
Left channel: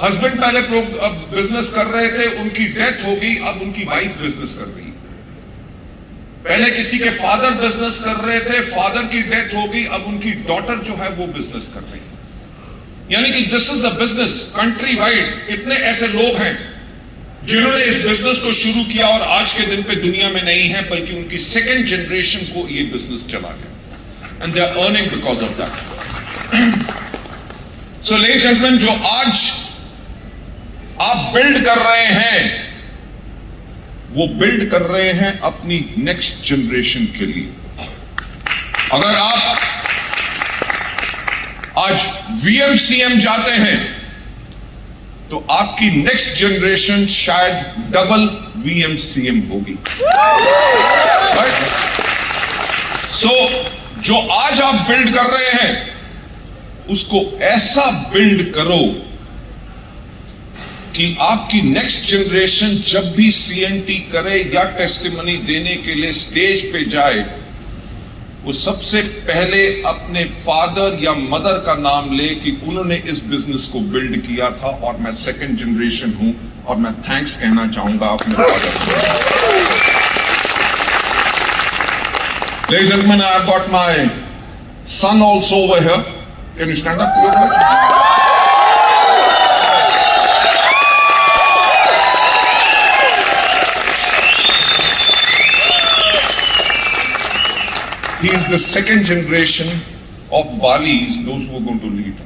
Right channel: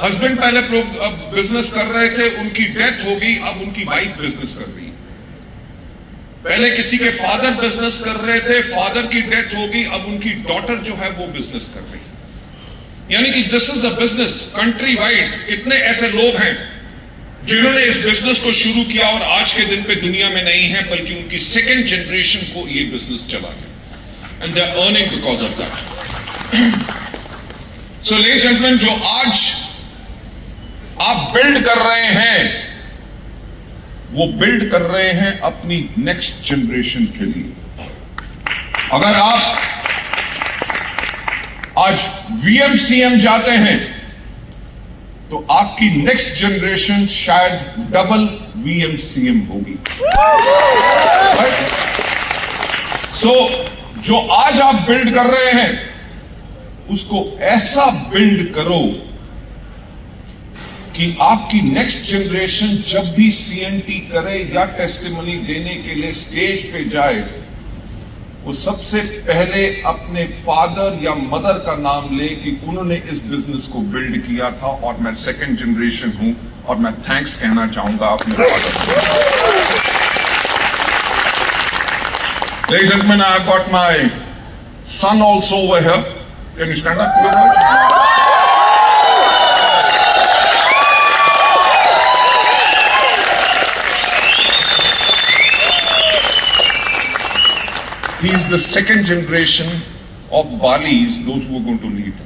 हस्बैंड पहले बिजनेस कर रहे थे, उनकी डेथ हो गई, अब उनकी वाइफ बिजनेस कर रही है। पहले किसी के फादर बिजनेस कर रहे थे, फादर की डेथ हो गई, अब उनकी डॉटर जो है वो बिजनेस कर रही है। यानी कि this is a business country wide. कितने ऐसे लोग हैं जिन्होंने इस बिजनेस को शुरू किया और आज के दिन पे दुनिया में नहीं है, बल्कि उनकी सेकेंड जनरेशन को ये बिजनेस चला गया, and they are earning because of that. So ladies and gentleman, जो आज आप बिल्ड कर रहे हैं, वो बिल्ड कर रहे हैं अपनी नेक्स्ट जनरेशन के लिए। अगर आप आज VMCM जाते हैं तो आपकी नेक्स्ट जनरेशन शायद डबल VMCM होगी। सो जो आज आप बिल्ड कर रहे हैं, उसको ऐसा बिल्ड करो कि आपकी नेक्स्ट जनरेशन जब भी CNT करे या टेस्टिमनी देने के लिए स्टेज पे जाए, वो सबसे पहले अपने फादर या मदर का नाम ले कि उन्होंने इस बिजनेस को बिल्ड किया था और मैं सेकंड जनरेशन हूं, और मैं थैंक्स कहना चाहूंगा अपने फादर को। Ladies and gentlemen, I've got my son also over here. Can you stand up? he is the second generation of Balis, those who are going to lead.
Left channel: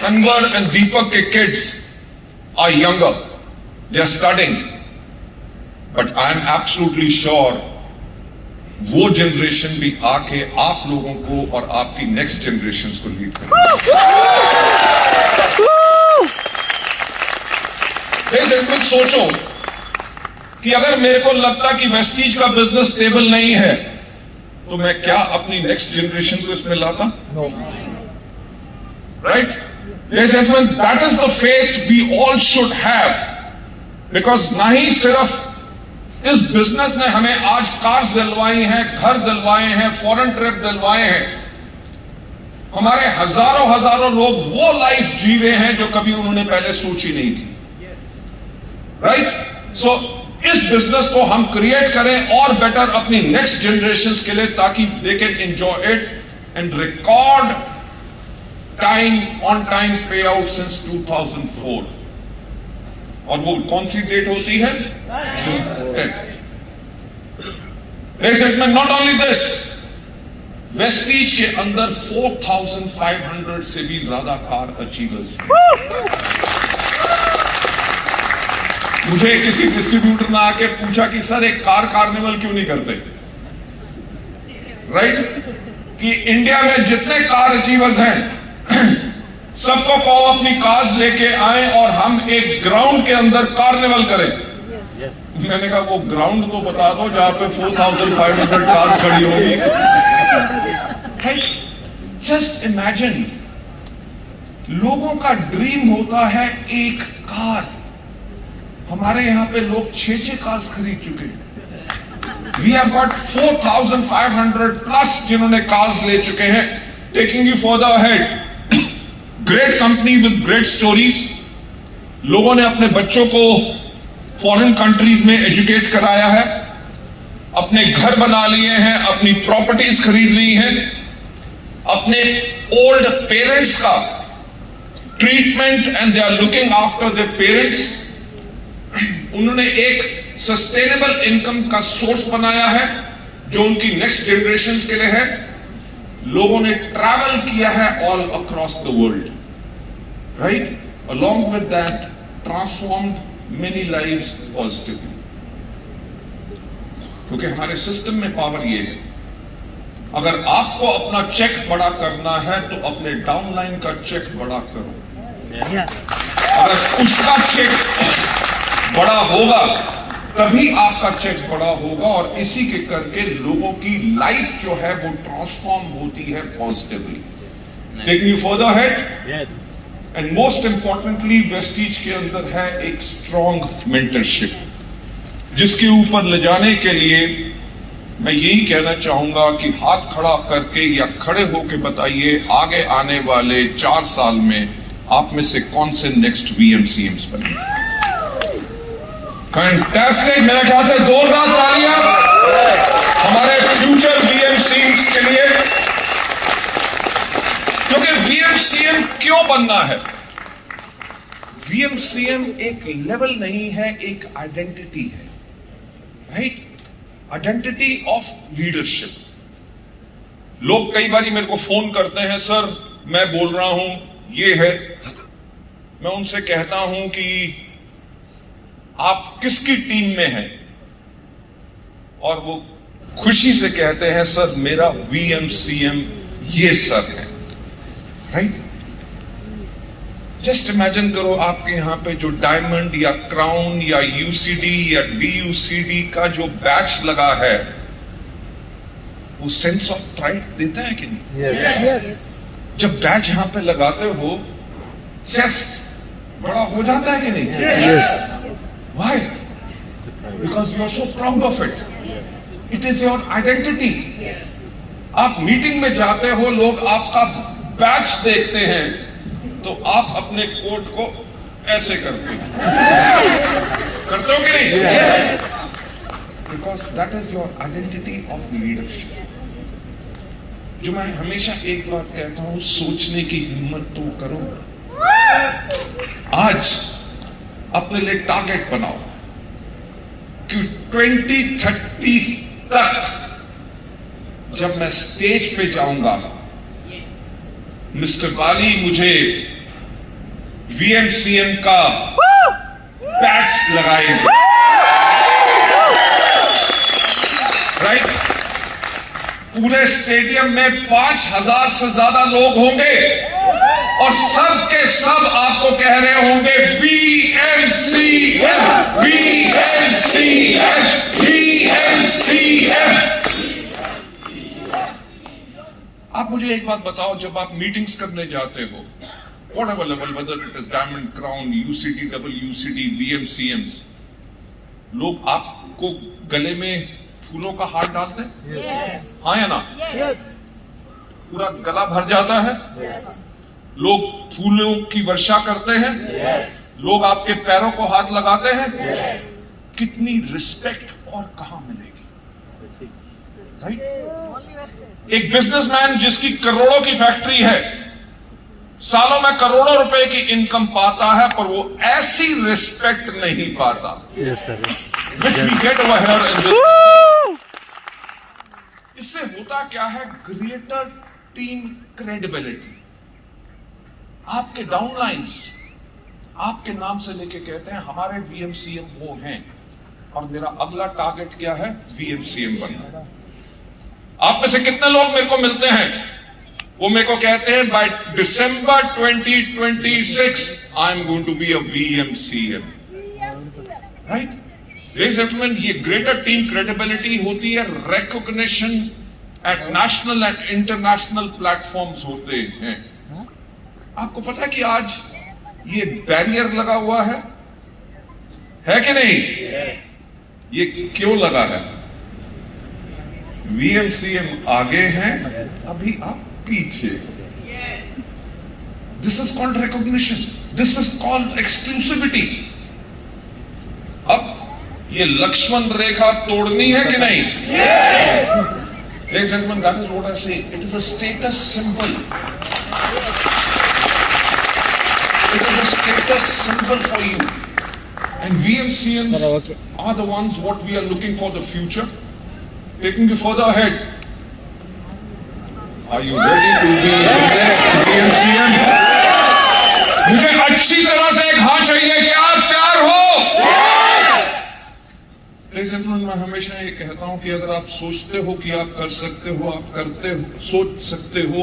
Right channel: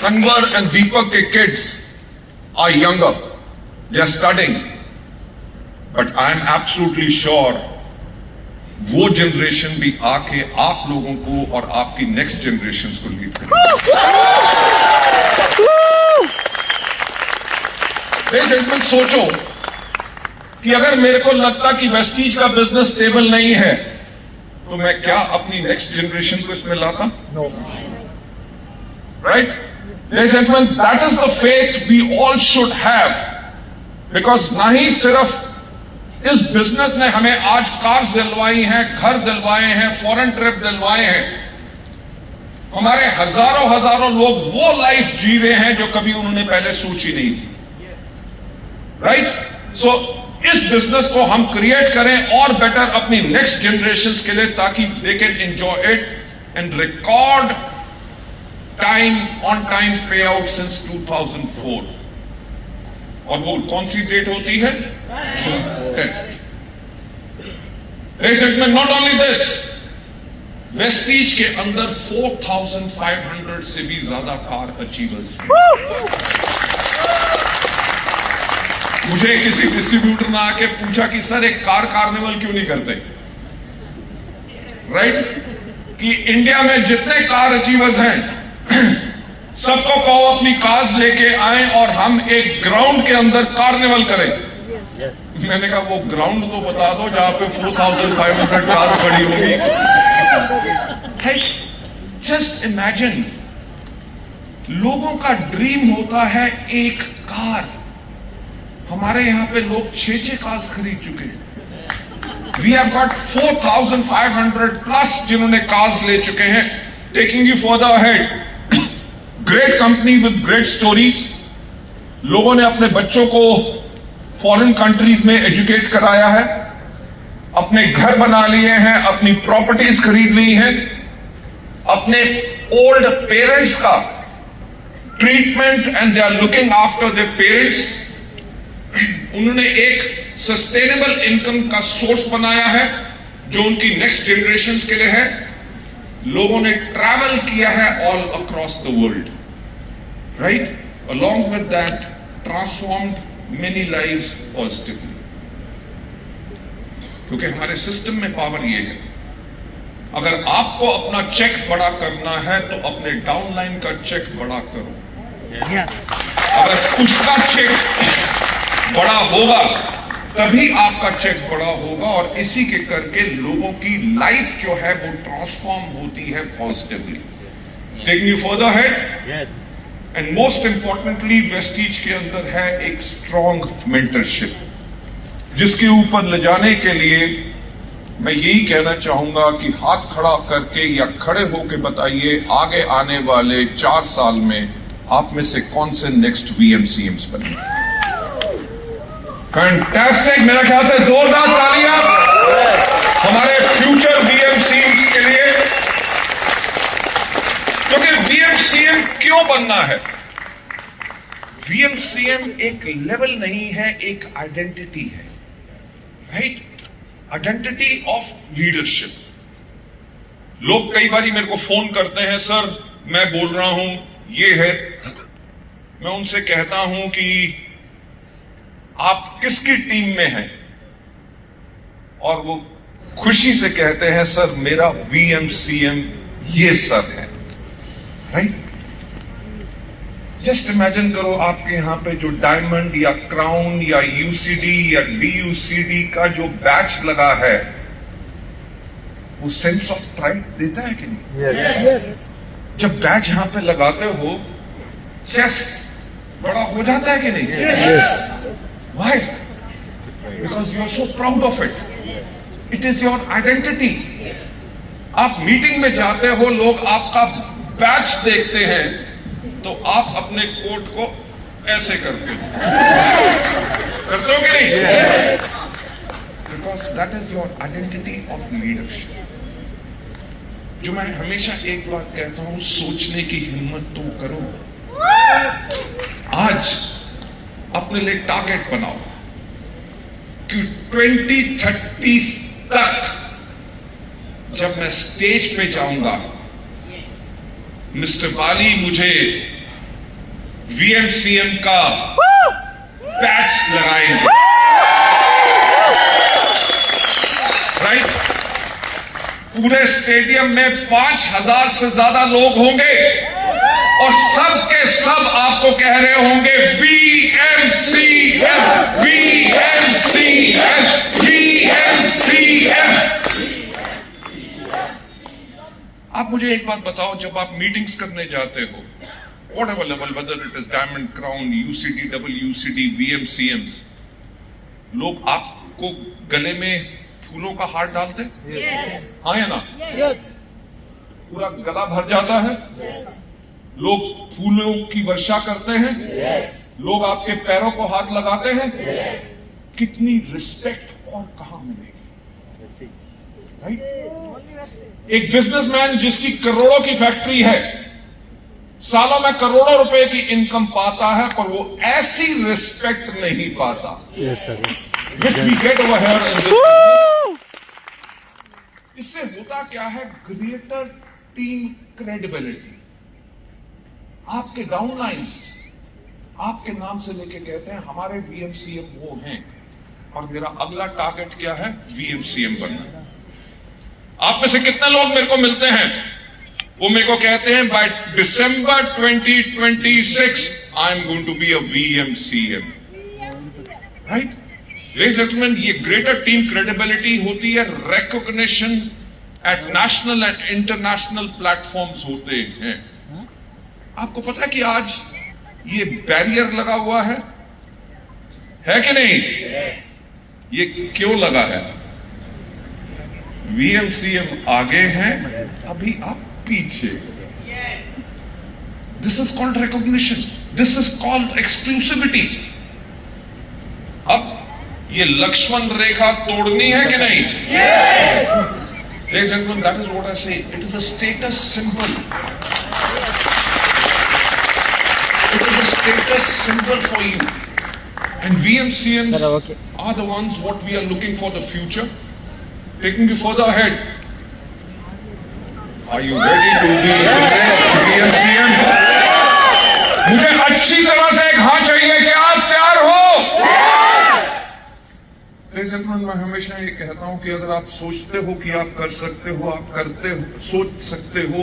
Kanwar and Deepak ke kids are younger. They are studying. But I am absolutely sure वो generation भी आके आप लोगों को और आपकी next generation को lead करेगी। जेंटलमैन, सोचो कि अगर मेरे को लगता कि वेस्टीज का बिजनेस स्टेबल नहीं है तो मैं क्या अपनी नेक्स्ट जनरेशन को इसमें लाता? No. Right? Gentleman, that is the faith we all should have, because ना ही सिर्फ इस बिजनेस ने हमें आज कार्स दिलवाई हैं, घर दिलवाए हैं, फॉरेन ट्रिप दिलवाए हैं, हमारे हजारों लोग वो लाइफ जी रहे हैं जो कभी उन्होंने पहले सोची नहीं थी। राइट? सो इस बिजनेस को हम क्रिएट करें और बेटर अपनी नेक्स्ट जनरेशन के लिए, ताकि they can enjoy it and record on time पे आउट सिंस 2004। और वो कौन सी डेट होती है? नॉट ओनली दिस, वेस्टीज के अंदर 4,500 से भी ज्यादा कार अचीवर्स हैं। मुझे किसी डिस्ट्रीब्यूटर ने आके पूछा कि सर एक कार कार्निवल क्यों नहीं करते? राइट? कि इंडिया में जितने कार अचीवर्स हैं सबको कहो अपनी कार्स लेके आए और हम एक ग्राउंड के अंदर कार्निवल करें। मैंने कहा वो ग्राउंड तो बता दो जहां पे 4,500 कार्स खड़ी होगी। जस्ट इमेजिन, लोगों का ड्रीम होता है एक कार। हमारे यहां पे लोग 6 कार्स खरीद चुके हैं। वी हैव गॉट 4,500 प्लस जिन्होंने कार्स ले चुके हैं। Taking you further ahead, great company with great stories. लोगों ने अपने बच्चों को फॉरेन कंट्रीज में एजुकेट कराया है, अपने घर बना लिए हैं, अपनी प्रॉपर्टीज खरीद ली हैं, अपने ओल्ड पेरेंट्स का treatment and they are looking after their parents. उन्होंने एक सस्टेनेबल इनकम का सोर्स बनाया है जो उनकी नेक्स्ट जनरेशन के लिए है। लोगों ने ट्रैवल किया है all across the world, right? Along with that transformed many lives positively. क्योंकि हमारे सिस्टम में पावर ये है, अगर आपको अपना चेक बड़ा करना है तो अपने डाउनलाइन का चेक बड़ा करो। अगर उसका चेक बड़ा होगा तभी आपका चेक बड़ा होगा, और इसी के करके लोगों की लाइफ जो है वो ट्रांसफॉर्म होती है पॉजिटिवली। टेकिंग यू फर्दर है, एंड मोस्ट इंपॉर्टेंटली वेस्टीज के अंदर है एक स्ट्रॉन्ग मेंटरशिप, जिसके ऊपर ले जाने के लिए मैं यही कहना चाहूंगा कि हाथ खड़ा करके या खड़े होकर बताइए आगे आने वाले 4 साल में आप में से कौन से नेक्स्ट VMCMs बनेंगे। फैंटास्टिक, मेरा ख्याल से जोरदार तालियां हमारे फ्यूचर VMCMs के लिए। क्योंकि VMCM क्यों बनना है? VMCM एक लेवल नहीं है, एक आइडेंटिटी है, राइट? Identity of leadership. लोग कई बार मेरे को फोन करते हैं, सर मैं बोल रहा हूं ये है। मैं उनसे कहता हूं कि आप किसकी टीम में हैं? और वो खुशी से कहते हैं सर मेरा VMCM ये सर है, राइट? जस्ट इमेजिन करो आपके यहां पे जो डायमंड या क्राउन या UCD या DUCD का जो बैच लगा है, वो सेंस ऑफ प्राइड देता है कि नहीं? Yes. जब बैच यहां पे लगाते हो, चेस्ट बड़ा हो जाता है कि नहीं? Yes. Why? Because you are so proud of it. It is your identity. आप मीटिंग में जाते हो, लोग आपका बैच देखते हैं तो आप अपने कोट को ऐसे करते हो, करते हो कि नहीं? Because that is your identity of leadership. जो मैं हमेशा एक बात कहता हूं, सोचने की हिम्मत तो करो। आज अपने लिए टारगेट बनाओ, कि 2030 तक जब मैं स्टेज पे जाऊंगा, मिस्टर बाली मुझे वीएमसीएम का बैच लगाएंगे, राइट? पूरे स्टेडियम में 5,000 से ज्यादा लोग होंगे और सब के सब आपको कह रहे होंगे वीएमसीएम, वीएमसीएम, वीएमसीएम। आप मुझे एक बात बताओ, जब आप मीटिंग्स करने जाते हो, whatever level, whether it is Diamond Crown, UCD, WCD, VMCMs, लोग आपको गले में फूलों का हार डालते हैं? yes. हाँ या ना? yes. पूरा गला भर जाता है? yes. लोग फूलों की वर्षा करते हैं? yes. लोग आपके पैरों को हाथ लगाते हैं? yes. कितनी रिस्पेक्ट और कहां मिलेगी, राइट? एक बिजनेसमैन जिसकी करोड़ों की फैक्ट्री है, सालों में करोड़ों रुपए की इनकम पाता है, पर वो ऐसी रिस्पेक्ट नहीं पाता। Yes sir. Which we get over here in this. इससे होता क्या है? Greater team credibility. आपके डाउनलाइंस आपके नाम से लेके कहते हैं हमारे वीएमसीएम वो हैं, और मेरा अगला टारगेट क्या है? वीएमसीएम बनना। आप में से कितने लोग मेरे को मिलते हैं, वो मेरे को कहते हैं by December 2026 I am going to be a VMCM, right? Ladies and gentleman, ये ग्रेटर टीम क्रेडिबिलिटी होती है, recognition at national and international platforms होते हैं। आपको पता है कि आज ये बैरियर लगा हुआ है कि नहीं? ये क्यों लगा है? वीएमसीएम आगे हैं, अभी आप पीछे। This is called recognition, this is called exclusivity. अब ये लक्ष्मण रेखा तोड़नी है कि नहीं? Ladies and gentlemen, that is what I say. It is a status symbol. It is a status symbol for you. And VMCMs are the ones what we are looking for the future. Taking you further ahead. Are you ready to be the next VMCM? मुझे अच्छी तरह से एक हाथ चाहिए कि आप तैयार हो। मैं हमेशा ये कहता हूं कि अगर आप सोचते हो कि आप कर सकते हो, आप करते हो, सोच सकते हो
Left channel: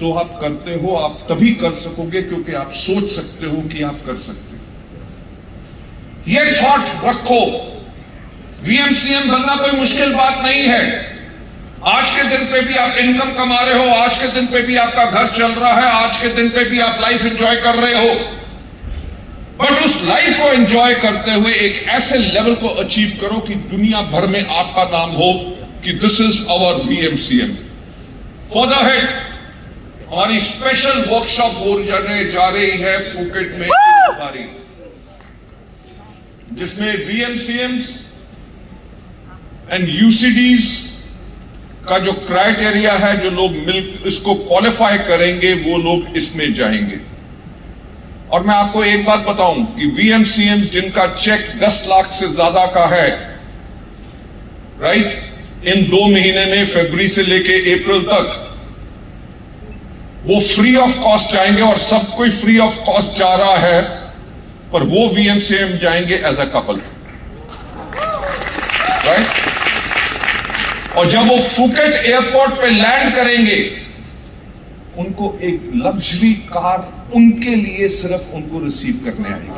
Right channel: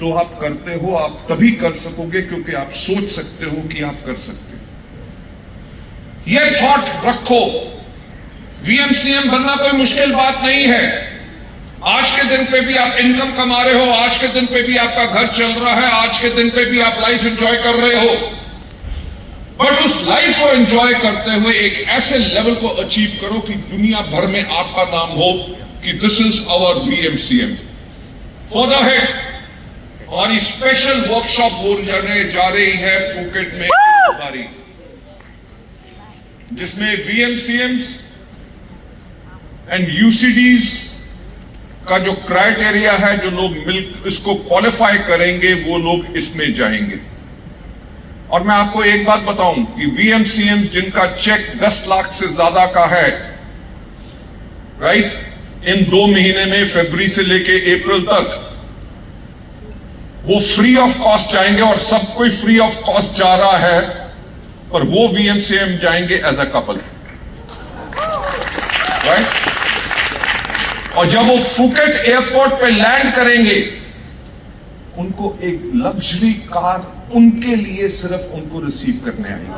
तो आप करते हो, आप तभी कर सकोगे क्योंकि आप सोच सकते हो कि आप कर सकते हो। ये थॉट रखो, वीएमसीएम बनना कोई मुश्किल बात नहीं है। आज के दिन पे भी आप इनकम कमा रहे हो, आज के दिन पे भी आपका घर चल रहा है, आज के दिन पे भी आप लाइफ एंजॉय कर रहे हो, बट उस लाइफ को एंजॉय करते हुए एक ऐसे लेवल को अचीव करो कि दुनिया भर में आपका नाम हो कि this is our VMCM. Further head हमारी स्पेशल वर्कशॉप होने जा रही है फुकेट में इस बारी, जिसमें वीएमसीएम्स एंड यूसीडीज का जो क्राइटेरिया है, जो लोग इसको क्वालिफाई करेंगे वो लोग इसमें जाएंगे। और मैं आपको एक बात बताऊं कि वीएमसीएम्स जिनका चेक 10 लाख से ज्यादा का है, राइट, इन 2 महीने में फरवरी से लेके अप्रैल तक वो फ्री ऑफ कॉस्ट जाएंगे, और सब कोई फ्री ऑफ कॉस्ट जा रहा है, पर वो वीएमसीएम जाएंगे एज अ कपल, राइट? और जब वो फुकेट एयरपोर्ट पे लैंड करेंगे, उनको एक लग्जरी कार उनके लिए सिर्फ उनको रिसीव करने आएगी।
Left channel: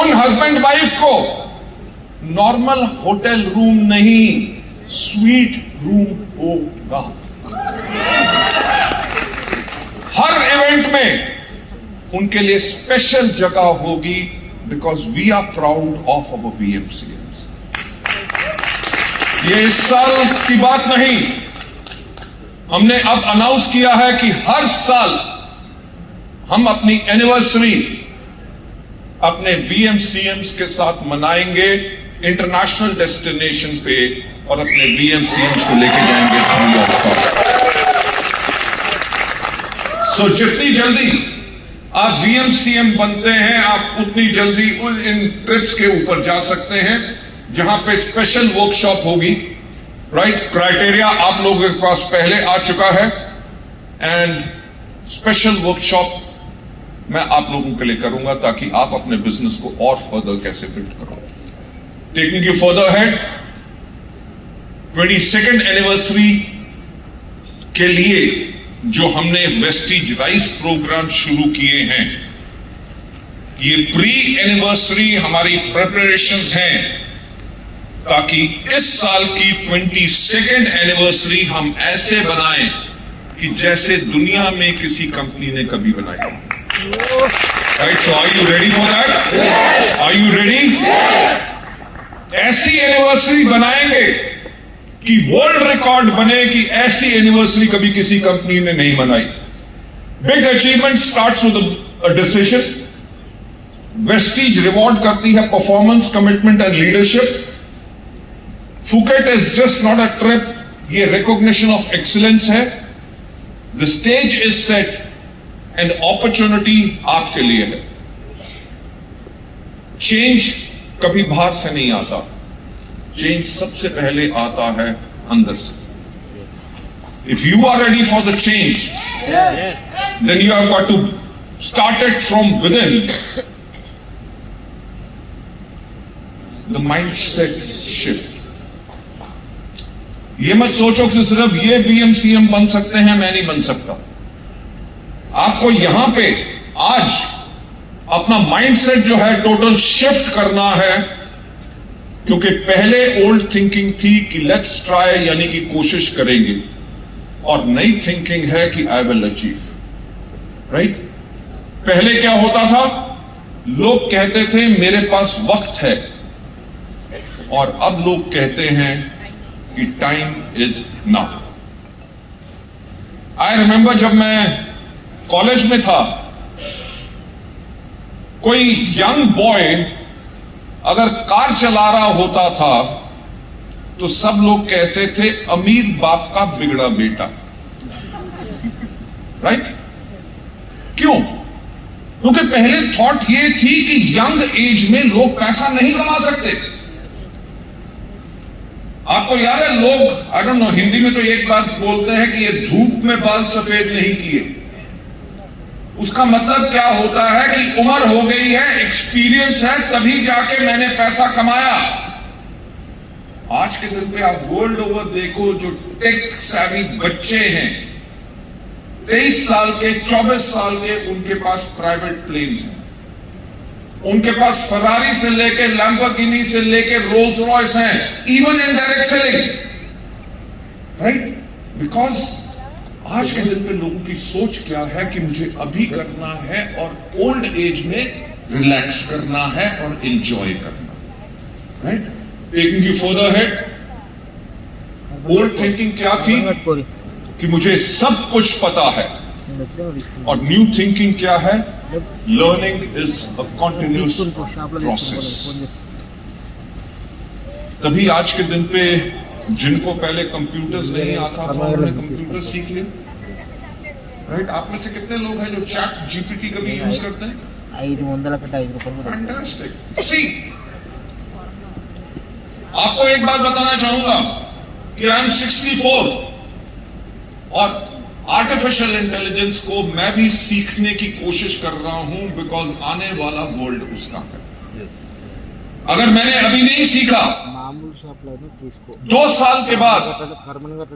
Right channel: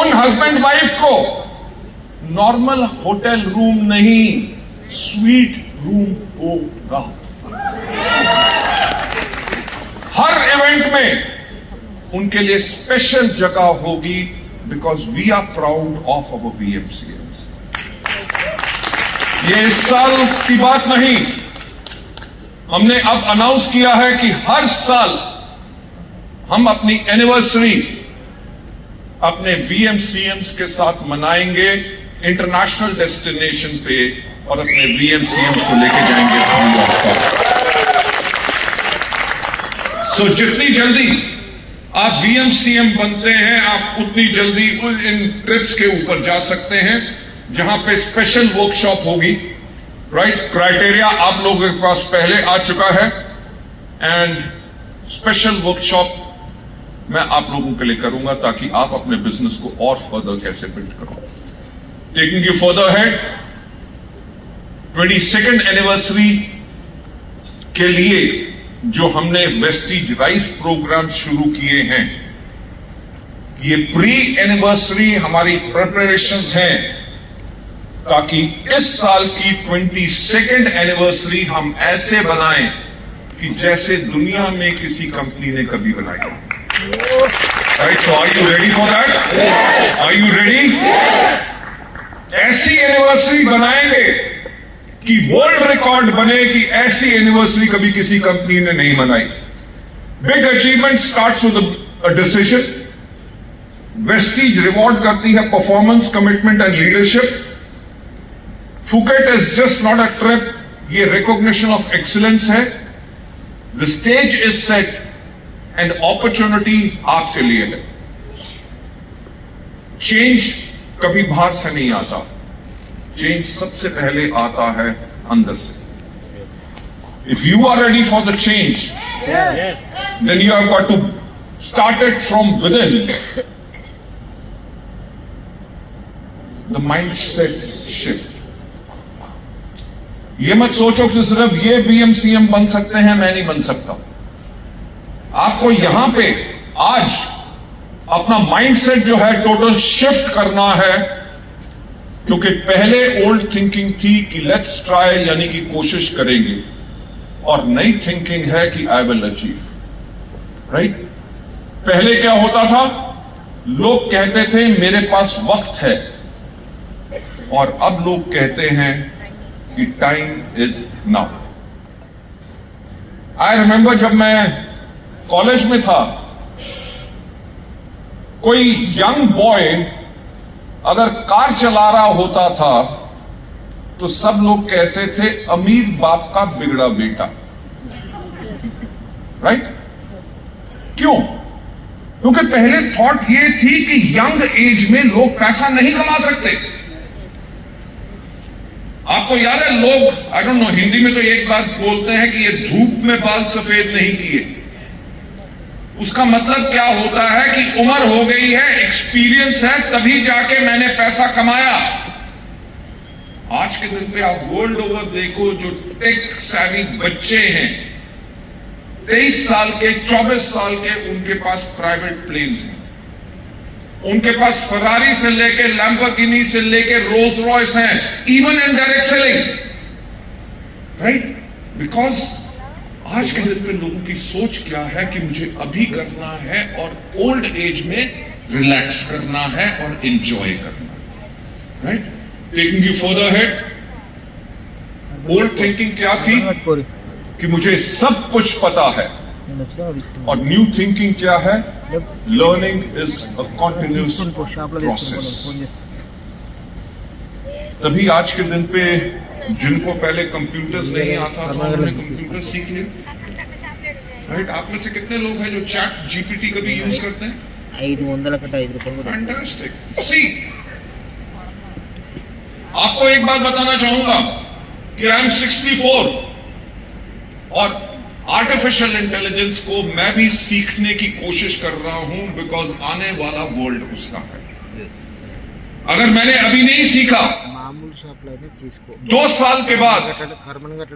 उन हस्बैंड वाइफ को नॉर्मल होटल रूम नहीं, स्वीट रूम होगा। हर इवेंट में उनके लिए स्पेशल जगह होगी, because we are proud of our VMCMs. ये इस साल की बात नहीं, हमने अब अनाउंस किया है कि हर साल हम अपनी एनिवर्सरी अपने वीएमसीएम्स के साथ मनाएंगे इंटरनेशनल डेस्टिनेशन पे, और अपने वीएमसीएम्स को लेके जाएंगे फ्री ऑफ कॉस्ट। सो जितनी जल्दी आप VMCM बनते हैं, आप उतनी जल्दी इन ट्रिप्स के ऊपर जा सकते हैं जहां पे स्पेशल वर्कशॉप होगी, राइट? क्राइटेरिया आप लोगों के पास पहले आ चुका है एंड स्पेशल वर्कशॉप मैं आप लोगों के लिए करूंगा ताकि आप अपने बिजनेस को और फर्दर कैसे बिल्ड करो। Taking you further head, 22nd anniversary के लिए जो हमने वेस्टीज राइस प्रोग्राम शुरू किए हैं, ये प्री एनिवर्सरी हमारी प्रिपरेशंस हैं ताकि इस साल की 22nd एनिवर्सरी हम ऐसे बनाएं कि जैसे दुनिया में किसी कंपनी ने कभी बनाई। Right? So are you ready for that? Are you ready? ऐसी एनिवर्सरी बनाएंगे कि वर्ल्ड रिकॉर्ड बने कि ऐसी एनिवर्सरी कभी किसी कंपनी ने नहीं बनाई। Big achievement starts with a decision. Vestige reward करती है performance, commitment and leadership. Phuket is just not a trip, ये रिकॉग्निशन ऑफ एक्सीलेंस है। The stage is set and opportunity आपके लिए है। चेंज कभी बाहर से नहीं आता, चेंज सबसे पहले आता है अंदर से। If you are ready for the change, then you have got to start it from within. The mindset shift. ये मत सोचो कि सिर्फ ये VMCM बन सकते हैं, मैं नहीं बन सकता। आपको यहां पे आज अपना माइंडसेट जो है टोटल शिफ्ट करना है, क्योंकि पहले ओल्ड थिंकिंग थी कि लेट्स ट्राई, यानी कि कोशिश करेंगे, और नई थिंकिंग है कि आई विल अचीव। राइट? पहले क्या होता था? लोग कहते थे मेरे पास वक्त है, और अब लोग कहते हैं कि time is now. I remember जब मैं कॉलेज में था, कोई यंग बॉय अगर कार चला रहा होता था तो सब लोग कहते थे अमीर बाप का बिगड़ा बेटा। राइट? क्यों? क्योंकि पहले थॉट ये थी कि यंग एज में लोग पैसा नहीं कमा सकते। आपको याद है, लोग आई डोंट नो, हिंदी में तो एक बात बोलते हैं कि ये धूप में बाल सफेद नहीं किए। उसका मतलब क्या होता है कि उम्र हो गई है, एक्सपीरियंस है, तभी जाके मैंने पैसा कमाया। आज के दिन पे आप वर्ल्ड ओवर देखो, जो टेक सैवी बच्चे हैं, 23 साल के, 24 साल के, उनके पास प्राइवेट प्लेन्स हैं, उनके पास फरारी से लेके लैम्बोर्गिनी से लेके रोल्स रॉयस हैं, even in direct selling. Right? Because आज के दिन पे लोगों की सोच क्या है कि मुझे अभी करना है और ओल्ड एज में रिलैक्स करना है और एंजॉय करना है। Right? Taking you further head, old thinking क्या थी कि मुझे सब कुछ पता है, और न्यू थिंकिंग क्या है? Learning is a continuous process. तभी आज के दिन पे जिनको पहले कंप्यूटर्स नहीं आता था, उन्होंने कंप्यूटर सीख लिया। राइट? आप में से कितने लोग हैं जो चैट GPT कभी यूज करते हैं? 500 फैंटास्टिक। सी, आपको एक बात बताना चाहूंगा कि आई एम 64 और आर्टिफिशियल इंटेलिजेंस को मैं भी सीखने की कोशिश कर रहा हूं, बिकॉज आने वाला वर्ल्ड उसका है। अगर मैंने अभी नहीं सीखा, 2 साल के बाद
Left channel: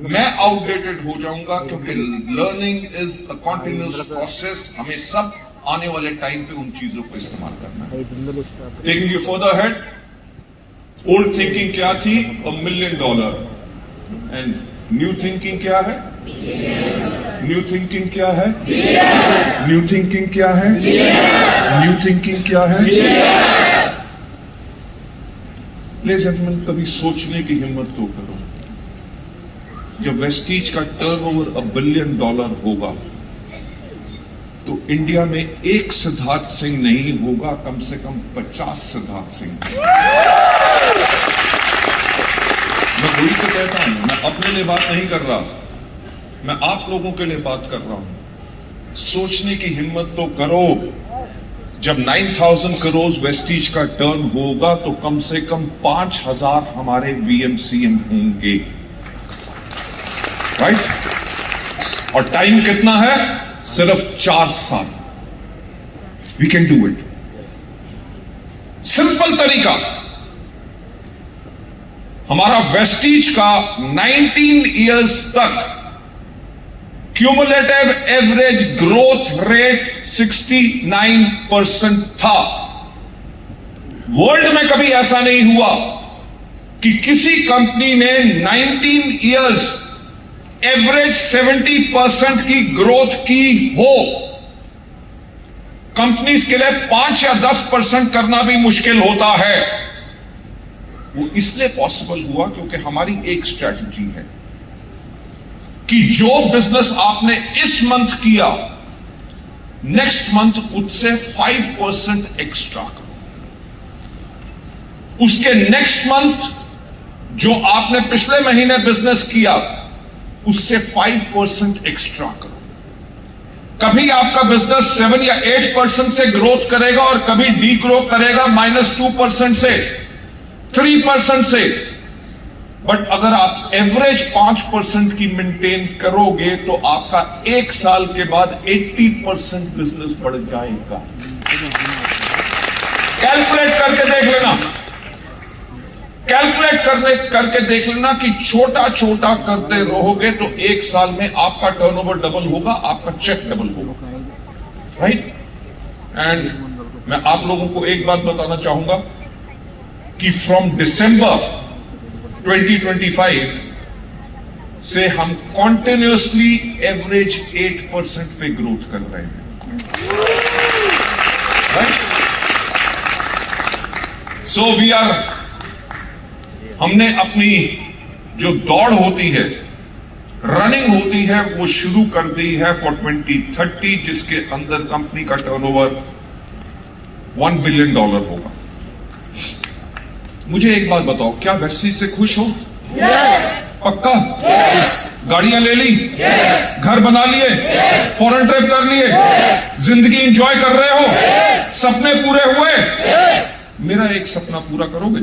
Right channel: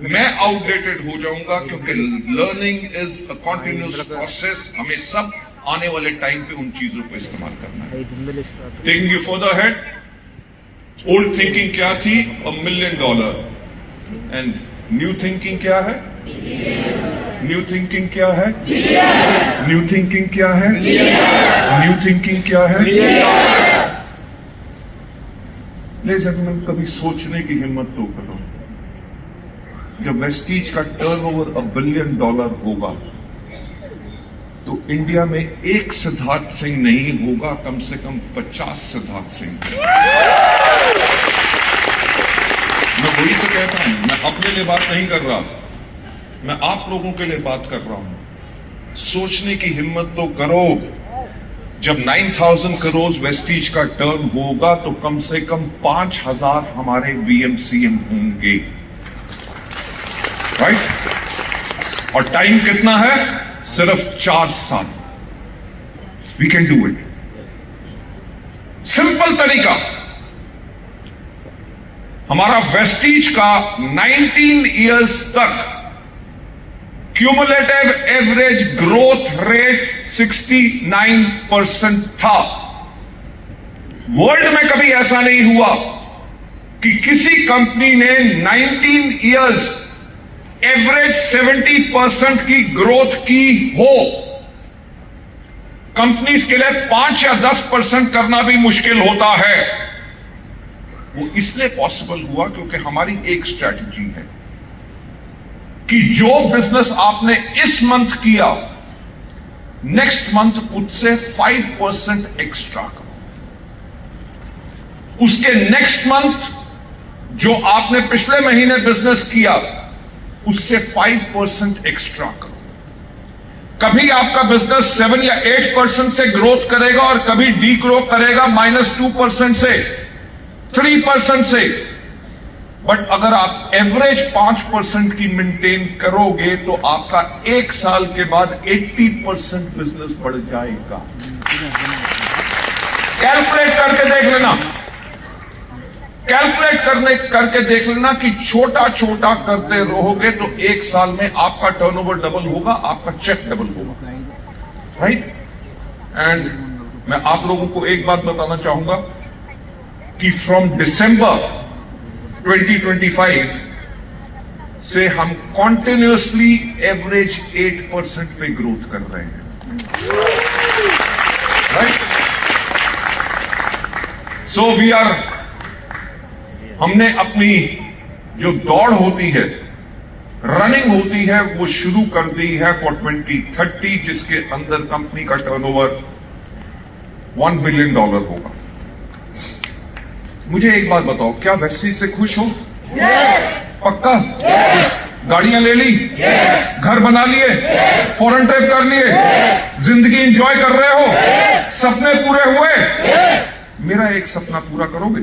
मैं आउटडेटेड हो जाऊंगा, क्योंकि learning is a continuous process. हमें सब आने वाले टाइम पे उन चीजों को इस्तेमाल करना है। Taking you further head, old thinking क्या थी? $1 मिलियन। एंड न्यू थिंकिंग क्या है? न्यू थिंकिंग क्या है? न्यू थिंकिंग क्या है? न्यू थिंकिंग क्या है? लेडीज एंड जेंटलमैन, कभी सोचने की हिम्मत तो करो। जब वेस्टीज का टर्नओवर $1 बिलियन होगा, तो इंडिया में एक सिद्धार्थ सिंह नहीं होगा, कम से कम 50 सिद्धार्थ सिंह। मैं वही तो कहता हूं, मैं अपने लिए बात नहीं कर रहा, मैं आप लोगों के लिए बात कर रहा हूं। सोचने की हिम्मत तो करो, जब 9,000 करोड़ वेस्टीज का टर्न होगा तो कम से कम 5,000 हमारे वीएमसीएम होंगे, राइट? और टाइम कितना है? सिर्फ 4 साल। We can do it. Simple तरीका, हमारा वेस्टीज का 19 इयर्स तक क्यूमुलेटिव एवरेज ग्रोथ रेट 69% था। वर्ल्ड में कभी ऐसा नहीं हुआ कि किसी कंपनी ने 19 इयर्स एवरेज 70% की ग्रोथ की हो। कंपनीज के लिए 5 या 10% करना भी मुश्किल होता है। वो इसलिए पॉसिबल हुआ क्योंकि हमारी एक स्ट्रैटेजी है कि जो बिजनेस आपने इस मंथ किया, नेक्स्ट मंथ उससे 5% एक्स्ट्रा करो। उसके नेक्स्ट मंथ जो आपने पिछले महीने बिजनेस किया, उससे 5% एक्स्ट्रा करो। कभी आपका बिजनेस 7 या 8% से ग्रोथ करेगा और कभी डी ग्रो करेगा -2% से, 3% से। बट अगर आप एवरेज 5% की मेंटेन करोगे तो आपका 1 साल के बाद 80% बिजनेस बढ़ जाएगा। कैलकुलेट करके देख लेना, करके देख लेना कि छोटा छोटा करते रहोगे तो 1 साल में आपका टर्नओवर डबल होगा, आपका चेक डबल होगा, राइट? एंड मैं आप लोगों को एक बात बताना चाहूंगा कि फ्रॉम दिसंबर 2025 से हम कॉन्टिन्यूअसली एवरेज 8% पे ग्रोथ कर रहे हैं, राइट? सो वी आर, हमने अपनी जो दौड़ होती है, रनिंग होती है, वो शुरू कर दी है फॉर 2030, जिसके अंदर कंपनी का टर्नओवर $1 बिलियन होगा। मुझे एक बात बताओ, क्या वेस्टीज से खुश हो? पक्का? गाड़ियां ले ली? घर बना लिए? फॉरेन ट्रिप कर लिए? जिंदगी एंजॉय कर रहे हो? सपने पूरे हुए? मेरा एक सपना पूरा करोगे?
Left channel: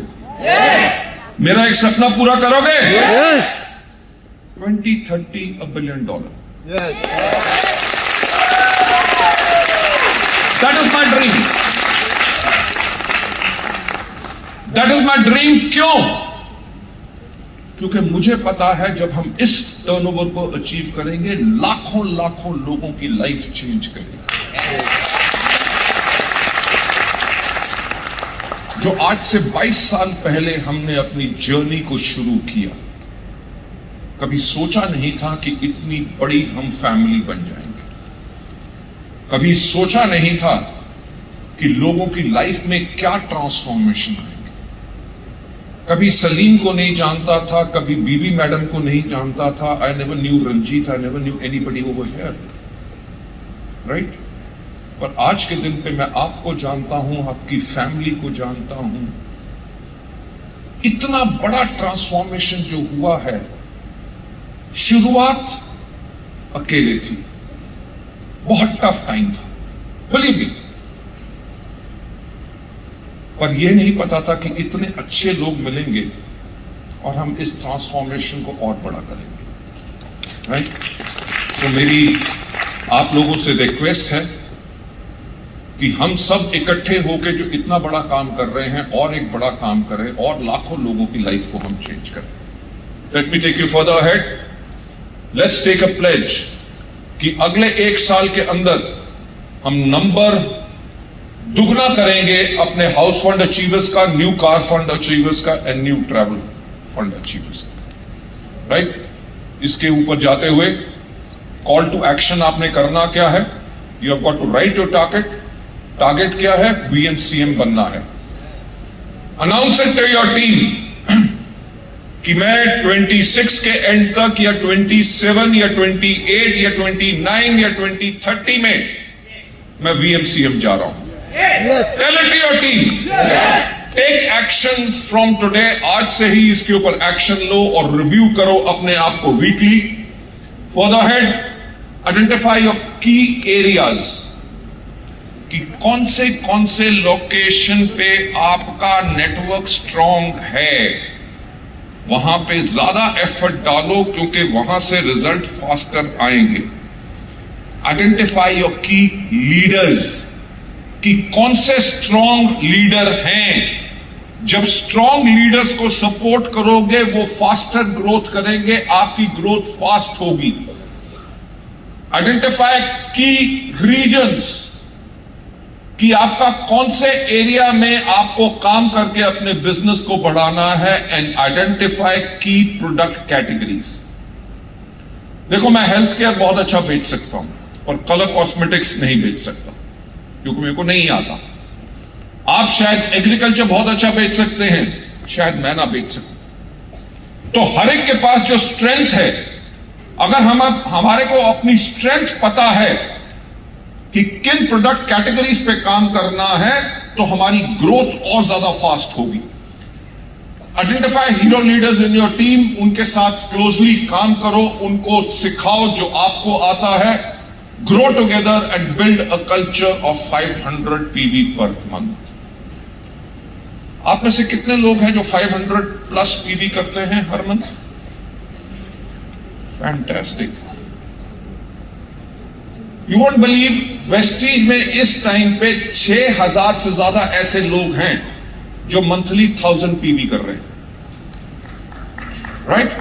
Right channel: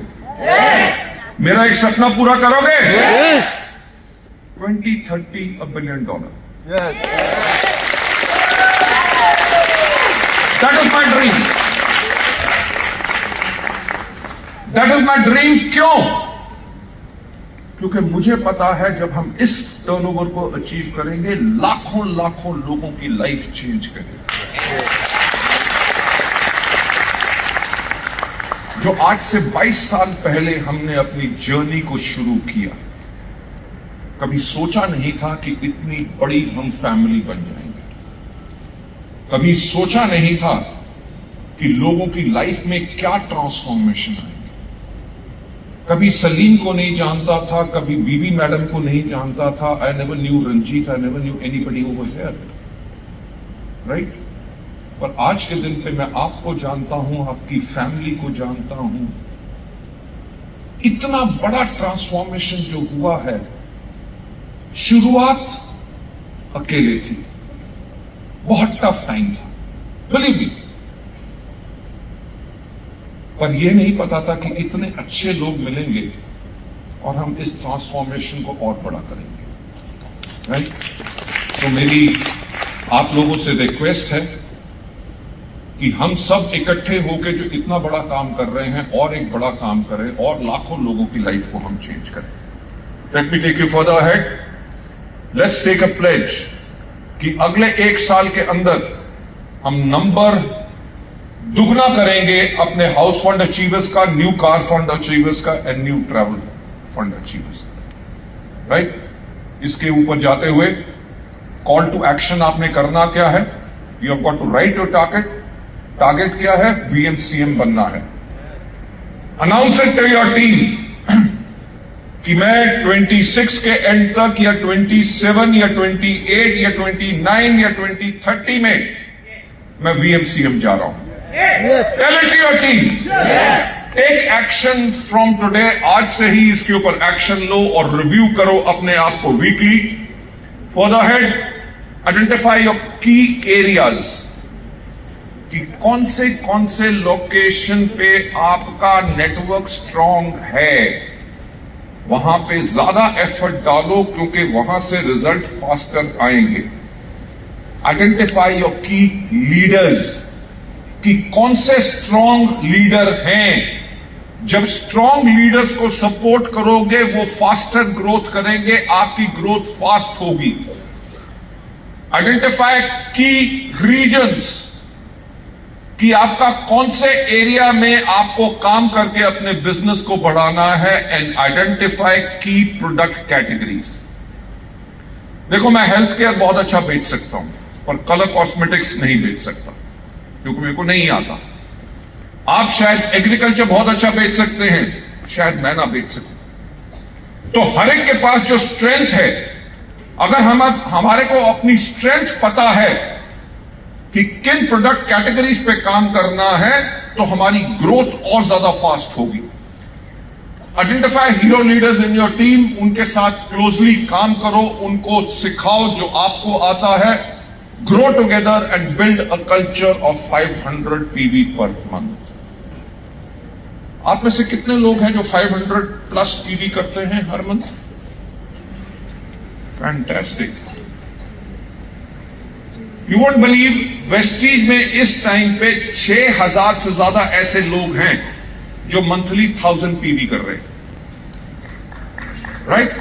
मेरा एक सपना पूरा करोगे? 2030 $1 billion. That is my dream. That is my dream. क्यों? क्योंकि मुझे पता है जब हम इस टर्नओवर को अचीव करेंगे, लाखों लाखों लोगों की लाइफ चेंज करेगी। जो आज से 22 साल पहले हमने अपनी जर्नी को शुरू किया, कभी सोचा नहीं था कि इतनी बड़ी हम फैमिली बन जाएंगे। कभी सोचा नहीं था कि लोगों की लाइफ में क्या ट्रांसफॉर्मेशन आएंगे। कभी सलीम को नहीं जानता था, कभी बीबी मैडम को नहीं जानता था। I never knew Ranjit, I never knew anybody over here, right? पर आज के दिन पे मैं आपको जानता हूं, आपकी फैमिली को जानता हूं। इतना बड़ा ट्रांसफॉर्मेशन जो हुआ है, शुरुआत अकेले थी, बहुत टफ टाइम था, बिलीव मी। पर यह नहीं पता था कि इतने अच्छे लोग मिलेंगे और हम इस ट्रांसफॉर्मेशन को और बड़ा करेंगे, राइट? सो मेरी आप लोगों से रिक्वेस्ट है कि हम सब इकट्ठे होकर जो इतना बड़ा काम कर रहे हैं, और एक बड़ा काम करें और लाखों लोगों की लाइफ को हम चेंज करें। Let me take you further ahead. Let's take a pledge कि अगले 1 साल के अंदर हम नंबर दुगना करेंगे अपने हाउस फंड अचीवर्स का, न्यू कार फंड अचीवर्स का and new travel fund achievers का, राइट? इसके ऊपर जाते हुए कॉल टू एक्शन आपने करना क्या है? You have got to write your target. Target क्या है? वीएमसीएम बनना है। Announce it to your team कि मैं 26 के एंड तक या 27 या 28 या 29 या 2030 में मैं वीएमसीएम जा रहा हूं। Tell it to your team. Take action from today. आज से ही इसके ऊपर एक्शन लो और रिव्यू करो अपने आप को weekly. Further ahead, identify your की एरियाज कि कौन से लोकेशन पे आपका नेटवर्क स्ट्रांग है, वहां पे ज्यादा एफर्ट डालो क्योंकि वहां से रिजल्ट फास्टर आएंगे। आइडेंटिफाई योर की लीडर्स कि कौन से स्ट्रांग लीडर हैं। जब स्ट्रांग लीडर्स को सपोर्ट करोगे वो फास्टर ग्रोथ करेंगे, आपकी ग्रोथ फास्ट होगी। आइडेंटिफाई की रीजन्स कि आपका कौन से एरिया में आपको काम करके अपने बिजनेस को बढ़ाना है। एंड आइडेंटिफाई की प्रोडक्ट कैटेगरीज। देखो, मैं हेल्थ केयर बहुत अच्छा बेच सकता हूं पर कलर कॉस्मेटिक्स नहीं बेच सकता क्योंकि मेरे को नहीं आता। आप शायद एग्रीकल्चर बहुत अच्छा बेच सकते हैं, शायद मैं ना बेच सकता। तो हर एक के पास जो स्ट्रेंथ है, अगर हमारे को अपनी स्ट्रेंथ पता है कि किन प्रोडक्ट कैटेगरीज पे काम करना है, तो हमारी ग्रोथ और ज्यादा फास्ट होगी। Identify hero leaders in your team, उनके साथ क्लोजली काम करो, उनको सिखाओ जो आपको आता है। Grow together and build a culture of 500 TV per month. आप में से कितने लोग हैं जो 500 प्लस टीवी करते हैं हर month? Fantastic. You won't believe, Vestige में इस टाइम पे 6000 से ज्यादा ऐसे लोग हैं जो मंथली 1000 पीवी कर रहे हैं, राइट?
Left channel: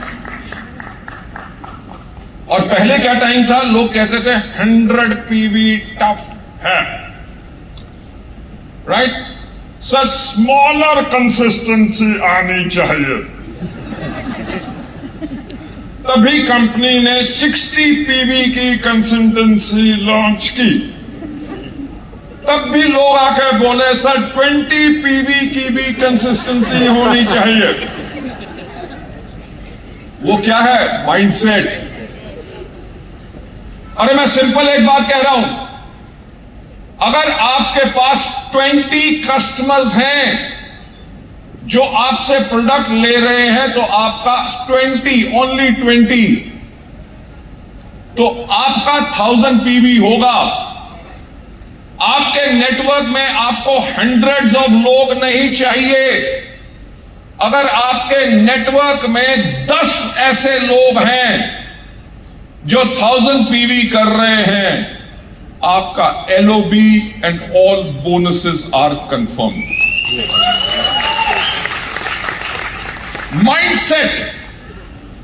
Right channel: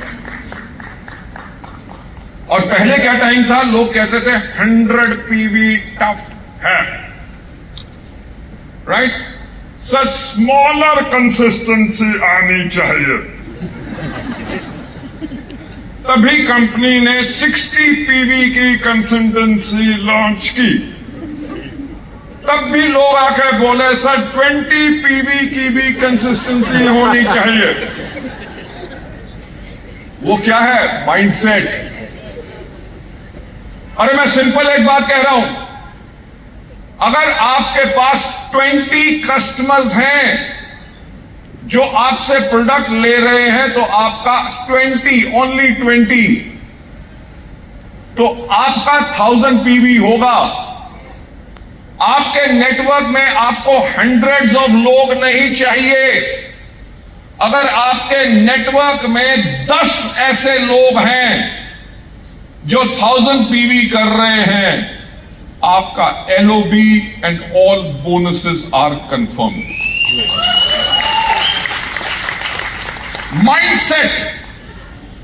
और पहले क्या टाइम था, लोग कहते थे 100 पीवी टफ है, राइट? सर, स्मॉलर कंसिस्टेंसी आनी चाहिए। तभी कंपनी ने 60 पीवी की कंसिस्टेंसी लॉन्च की। तब भी लोग आकर बोले सर 20 पीवी की भी कंसिस्टेंसी होनी चाहिए। वो क्या है? माइंडसेट। अरे मैं सिंपल एक बात कह रहा हूं, अगर आपके पास 20 कस्टमर्स हैं जो आपसे प्रोडक्ट ले रहे हैं, तो आपका 20, ओनली 20, तो आपका 1000 पीवी होगा। आपके नेटवर्क में आपको हंड्रेड्स ऑफ लोग नहीं चाहिए। अगर आपके नेटवर्क में 10 ऐसे लोग हैं जो 1000 पीवी कर रहे हैं, आपका LOB and all bonuses are confirm.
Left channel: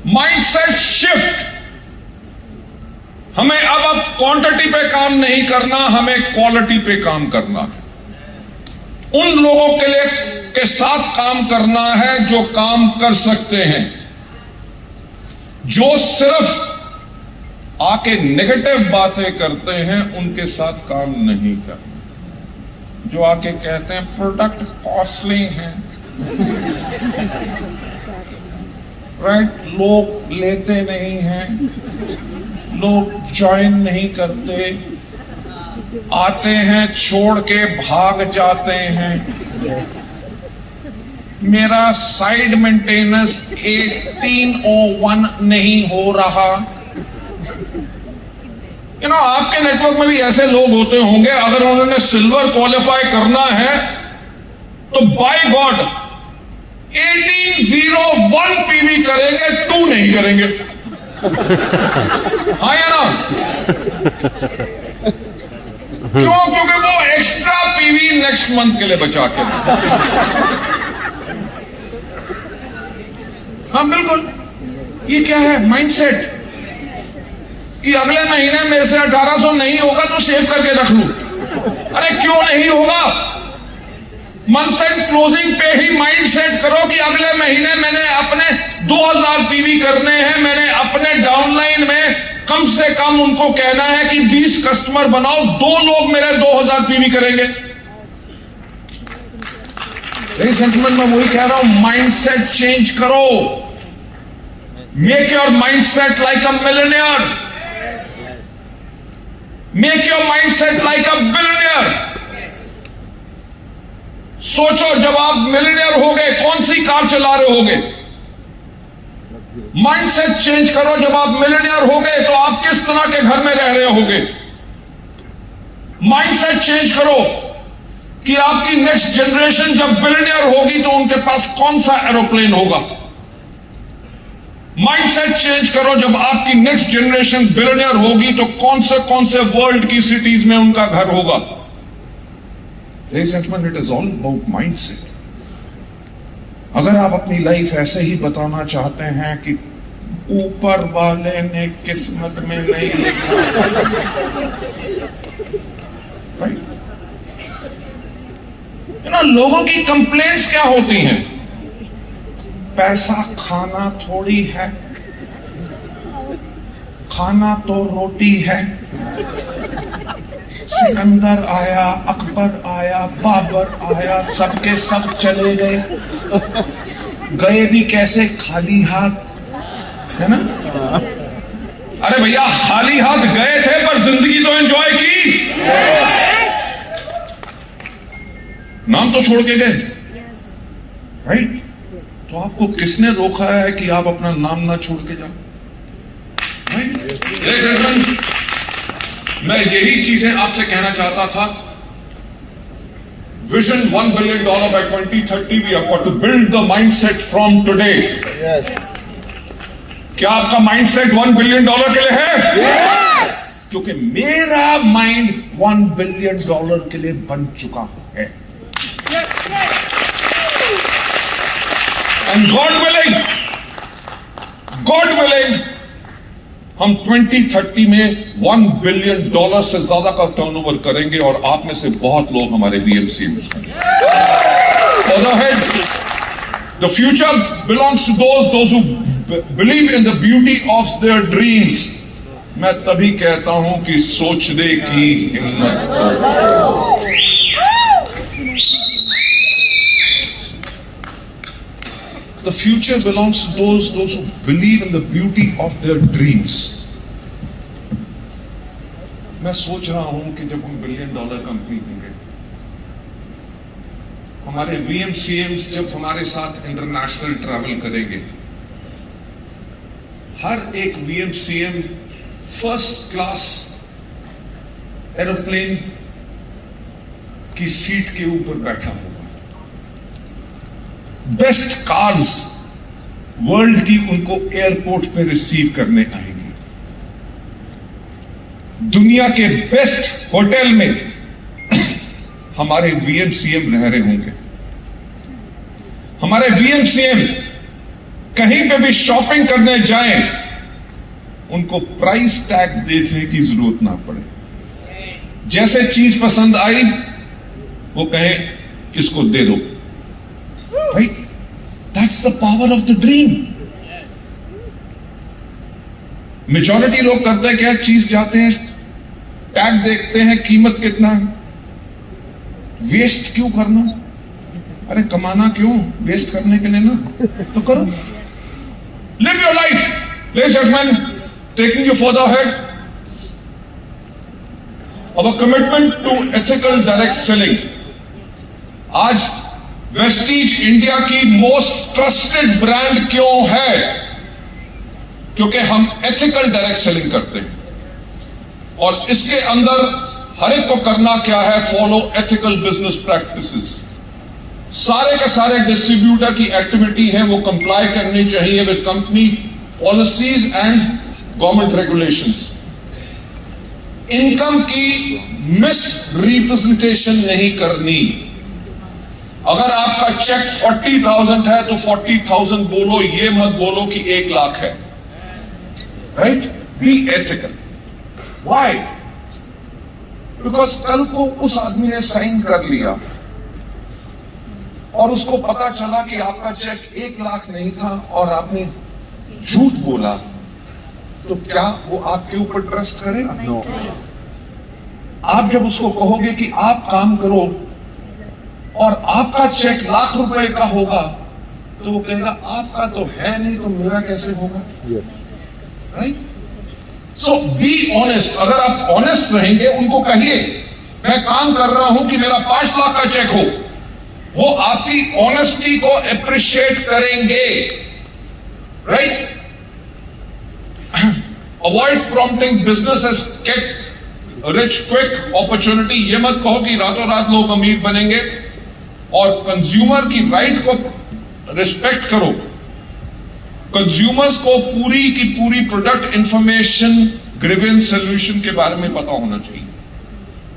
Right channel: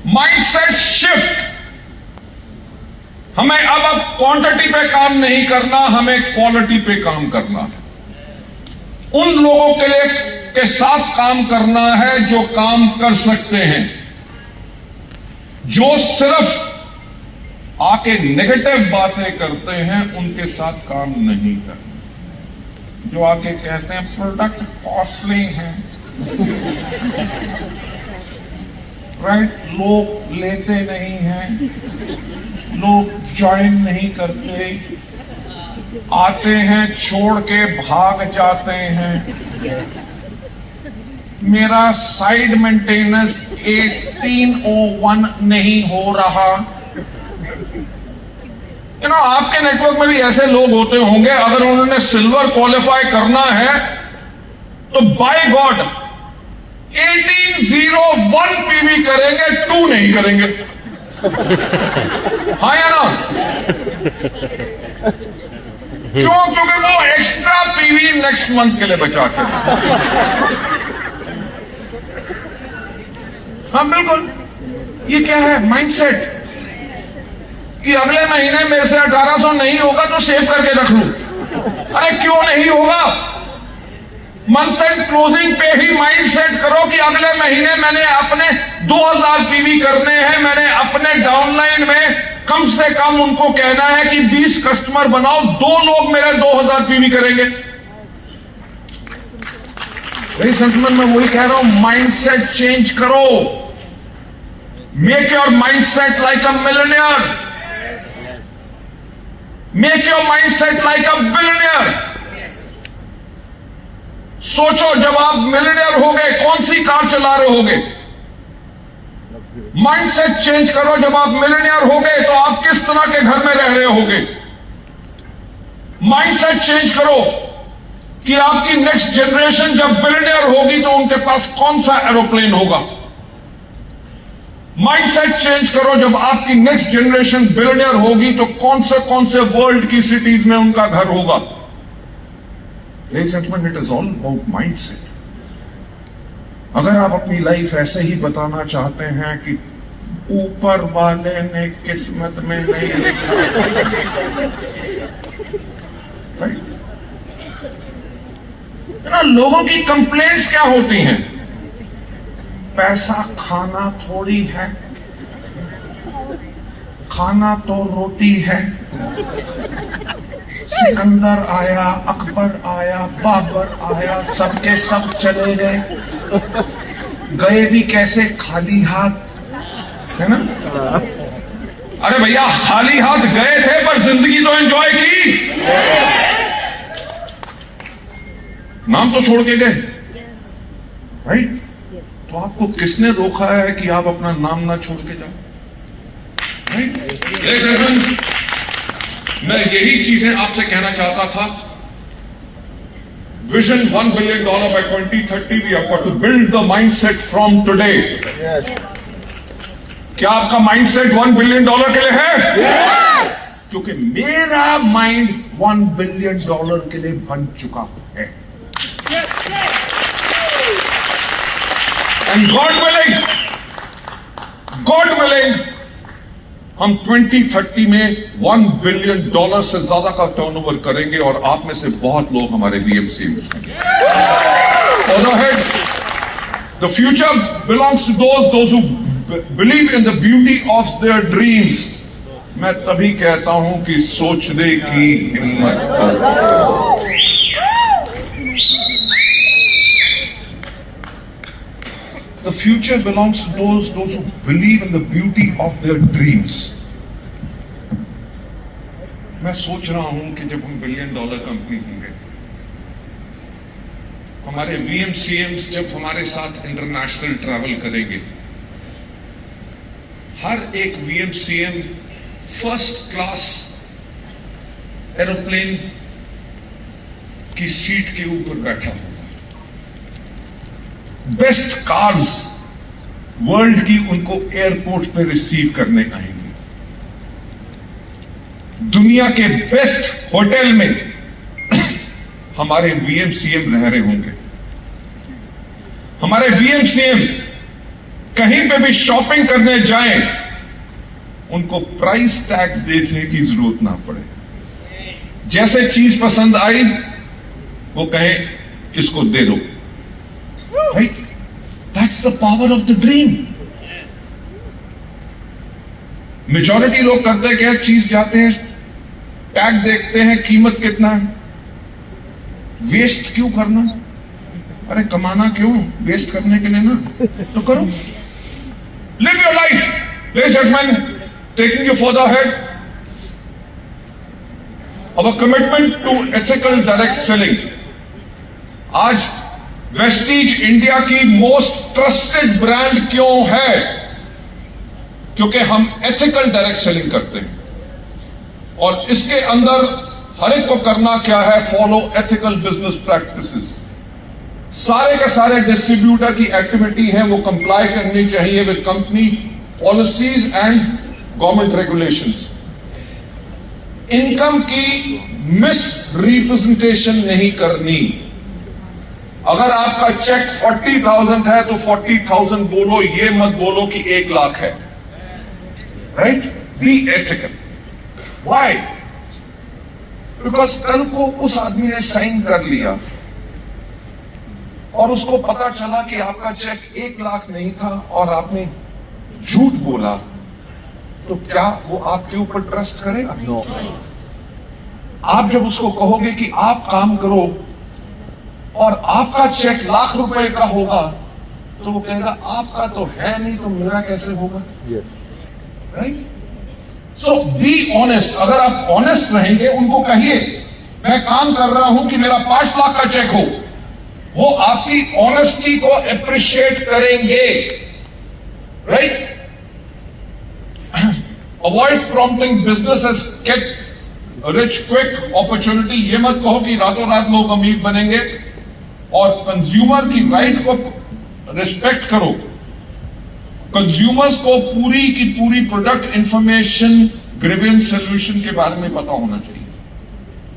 Mindset shift. हमें अब क्वांटिटी पे काम नहीं करना, हमें क्वालिटी पे काम करना। उन लोगों के साथ काम करना है जो काम कर सकते हैं। जो सिर्फ आके नेगेटिव बातें करते हैं उनके साथ काम नहीं करना। जो आके कहते हैं प्रोडक्ट कॉस्टली है, राइट, लोग लेते नहीं हैं, लोग ज्वाइन नहीं करते, आते हैं छोड़ के भाग जाते हैं, मेरा साइड मेंटेनेंस 301 नहीं हो रहा। आपके नेटवर्क में भी ऐसे लोग होते होंगे, अगर उन्होंने सिल्वर क्वालिफाई करना है तो बाय गॉड 1801 पीवी करेंगे, 2 नहीं करेंगे। हाँ या ना? क्यों? क्योंकि वो एक्स्ट्रा पीवी नेक्स्ट मंथ के लिए बचा के। हाँ बिल्कुल, ये क्या है? माइंडसेट कि अगले महीने मेरे से 1800 नहीं होगा तो सेव करके रख लूं। अरे क्यों नहीं होगा? मंथ एंड क्लोजिंग पे ही माइंड सेट करो कि अगले महीने मैंने अपने 2000 पीवी करने हैं। मैंने अपने डाउनलाइन में कम से कम उनको कहना है कि 20 कस्टमर बनाओ, 2 लोग मेरे 2000 पीवी करेंगे। मेरी संतमन में वही कह रहा हूं, माइंड सेट चेंज करो। Make your mind set like a millionaire. Make your mind set like a billionaire. सोचो, जब आप मिलियनेयर हो गए, कौन सी कार चला रहे होगे? माइंडसेट चेंज करो। जब आप मिलियनियर होगे तो आप किस तरह के घर में रह रहे होगे। माइंडसेट चेंज करो कि आपकी नेक्स्ट जनरेशन जब बिलियनियर होगी तो उनके पास कौन सा एरोप्लेन होगा। माइंडसेट चेंज करो, जब आपकी नेक्स्ट जनरेशन बिलियनियर होगी तो कौन से वर्ल्ड की सिटीज में उनका घर होगा। It is all about mindset. अगर आप अपनी लाइफ ऐसे ही बताना चाहते हैं कि ऊपर वाले ने किस्मत में नहीं लिखा, लोगों की कंप्लेंट्स क्या होती हैं? पैसा खाना थोड़ी है, खाना तो रोटी है। सिकंदर आया, अकबर आया, बाबर आया, सबके सब चले गए, गए भी कैसे? खाली हाथ, है ना? अरे भैया, खाली हाथ गए थे पर जिंदगी तो एंजॉय की, नाम तो छोड़ के गए, राइट? तो आपको किसने रोका है कि आप अपना नाम ना छोड़ के जाओ? मैं यही चीजें आपसे कहना चाहता था। Vision $1 billion by 2030, we have got to build the mindset from today. Yes. क्या आपका माइंडसेट $1 billion के लिए है? Yes. क्योंकि मेरा माइंड $1 billion के लिए बन चुका है। एंड गॉड विलिंग हम 2030 में $1 billion से ज्यादा का टर्नओवर करेंगे और आप में से बहुत लोग हमारे VMC हैं। The future belongs to those who believe in the beauty of their dreams. मैं तभी कहता हूं कि सोचने की हिम्मत करो। The future belongs to those who believe in the beauty of their dreams. मैं सोच रहा हूं कि जब हम $1 billion कंपनी होंगे, हमारे VMCMs जब हमारे साथ इंटरनेशनल ट्रैवल करेंगे, हर एक VMCM फर्स्ट क्लास एरोप्लेन की सीट के ऊपर बैठा होगा। बेस्ट कार्स वर्ल्ड की उनको एयरपोर्ट पे रिसीव करने आएंगे। दुनिया के बेस्ट होटल में हमारे VMCM रह रहे होंगे। हमारे VMCM कहीं पे भी शॉपिंग करने जाएं, उनको प्राइस टैग देखने की जरूरत ना पड़े। जैसे चीज पसंद आई वो कहे इसको दे दो, right? That's the power of the dream. Majority लोग करते क्या? चीज जाते हैं, टैग देखते हैं, कीमत कितना है, वेस्ट क्यों करना? अरे कमाना क्यों? वेस्ट करने के लिए ना, तो करो। Live your life, ladies and gentlemen, taking you further ahead. Our commitment to ethical direct selling. आज वेस्टीज इंडिया की मोस्ट ट्रस्टेड ब्रांड क्यों है? क्योंकि हम एथिकल डायरेक्ट सेलिंग करते हैं और इसके अंदर हर एक को करना क्या है? Follow ethical business practices. सारे के सारे डिस्ट्रीब्यूटर की एक्टिविटी है वो कंप्लाई करनी चाहिए with company policies and government regulations. Income की मिस रिप्रेजेंटेशन नहीं करनी। अगर आपका चेक 40,000 है तो 40,000 बोलो, ये मत बोलो कि 1 लाख है, right? Be ethical. Why? Because कल को उस आदमी ने साइन कर लिया और उसको पता चला कि आपका चेक 1 लाख नहीं था और आपने झूठ बोला, तो क्या वो आपके ऊपर ट्रस्ट करेगा? नो। आप जब उसको कहोगे कि आप काम करो और आपका चेक लाख रुपए का होगा, तो वो कहेगा आपका तो है नहीं तो मेरा कैसे होगा? Yes. Right? So be honest. अगर आप ऑनेस्ट रहेंगे, उनको कहिए मैं काम कर रहा हूं कि मेरा 5 लाख का चेक हो, वो आपकी ऑनेस्टी को अप्रिशिएट करेंगे, right? Avoid prompting business as get rich quick opportunity. ये मत कहो कि रातों रात लोग अमीर बनेंगे, और कंज्यूमर की राइट को रिस्पेक्ट करो। कंज्यूमर्स को पूरी की पूरी प्रोडक्ट इंफॉर्मेशन, ग्रीवेंस सोल्यूशन के बारे में पता होना चाहिए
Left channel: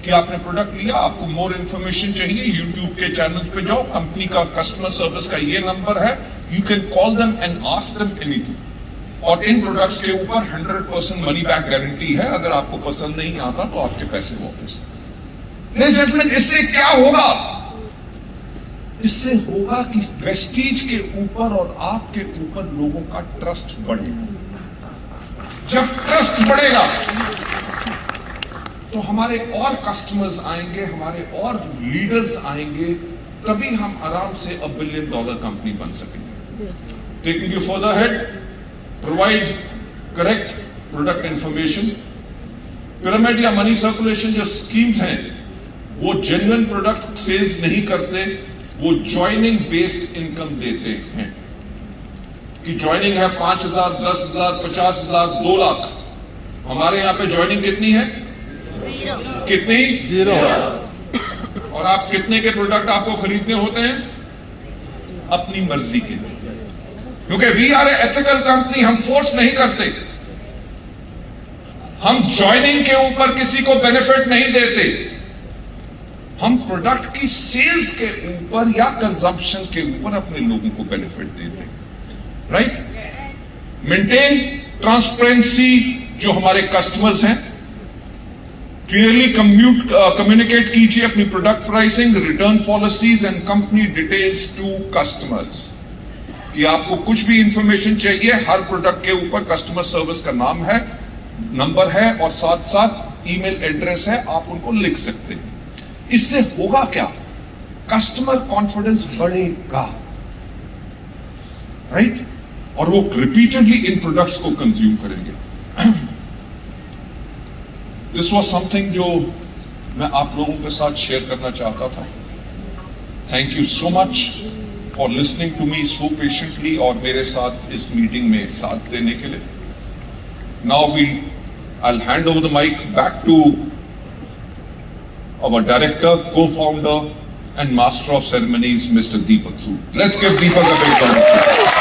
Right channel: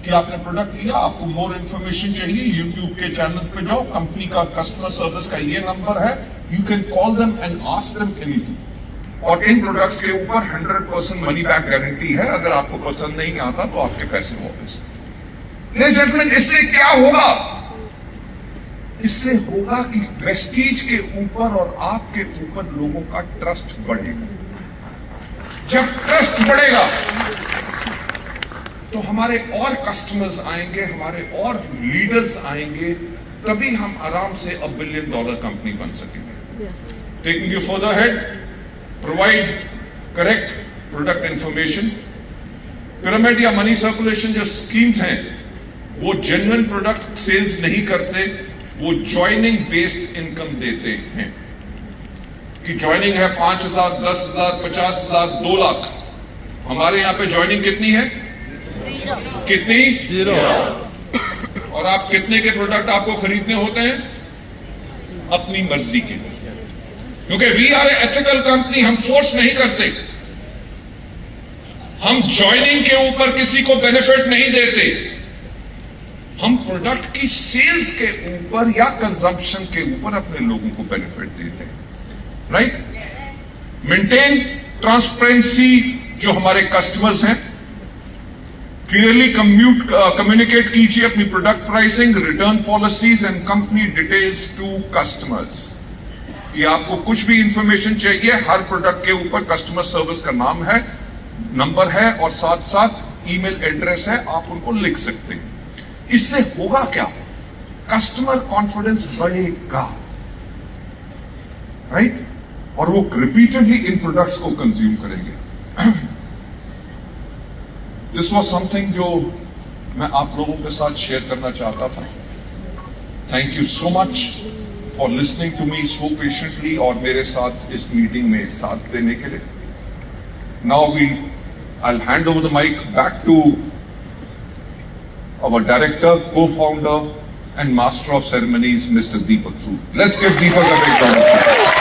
कि आपने प्रोडक्ट लिया, आपको मोर इंफॉर्मेशन चाहिए, यूट्यूब के चैनल पे जाओ, कंपनी का कस्टमर सर्विस का ये नंबर है, you can call them and ask them anything. और इन प्रोडक्ट्स के ऊपर 100% मनी बैक गारंटी है। अगर आपको पसंद नहीं आता तो आपके पैसे वापस। इससे क्या होगा? इससे होगा कि वेस्टीज के ऊपर और आपके ऊपर लोगों का ट्रस्ट बढ़ेगा। जब ट्रस्ट बढ़ेगा तो हमारे और कस्टमर्स आएंगे, हमारे और लीडर्स आएंगे, तभी हम आराम से $1 बिलियन कंपनी बन सकेंगे। Taking you further head, provide correct product information. Pyramid या मनी सर्कुलेशन जो स्कीम्स हैं वो जेन्युइन प्रोडक्ट सेल्स नहीं करते, वो ज्वाइनिंग बेस्ड इनकम देते हैं। कि ज्वाइनिंग है 5,000, 10,000, 50,000, 2 लाख। हमारे यहां पे ज्वाइनिंग कितनी है? कितनी? 0। और आप कितने के प्रोडक्ट आपको खरीदने होते हैं? अपनी मर्जी के। क्योंकि we are a ethical company, हम फोर्स नहीं करते। हम ज्वाइनिंग के ऊपर किसी को बेनिफिट नहीं देते। हम प्रोडक्ट की सेल्स के ऊपर या कंजम्पशन के ऊपर अपने लोगों को बेनिफिट देते हैं। राइट? Maintain transparency. जो हमारे कस्टमर्स हैं, क्लियरली कम्युनिकेट कीजिए अपनी product pricing, return policies and company details to customers. कि आपको कुछ भी इंफॉर्मेशन चाहिए, हर प्रोडक्ट के ऊपर कस्टमर सर्विस का नाम है, नंबर है और साथ साथ ईमेल एड्रेस है, आप उनको लिख सकते हैं। इससे होगा क्या? कस्टमर कॉन्फिडेंस बढ़ेगा। राइट? और वो रिपीटेडली इन प्रोडक्ट्स को कंज्यूम करेंगे। दिस वॉज समथिंग जो मैं आप लोगों के साथ शेयर करना चाहता था। Thank you so much for listening to me so patiently और मेरे साथ इस मीटिंग में साथ देने के लिए। Now I'll hand over the mic back to our director, co-founder and master of ceremonies, Mr. Deepak Sood. Let's give Deepak a big round of applause.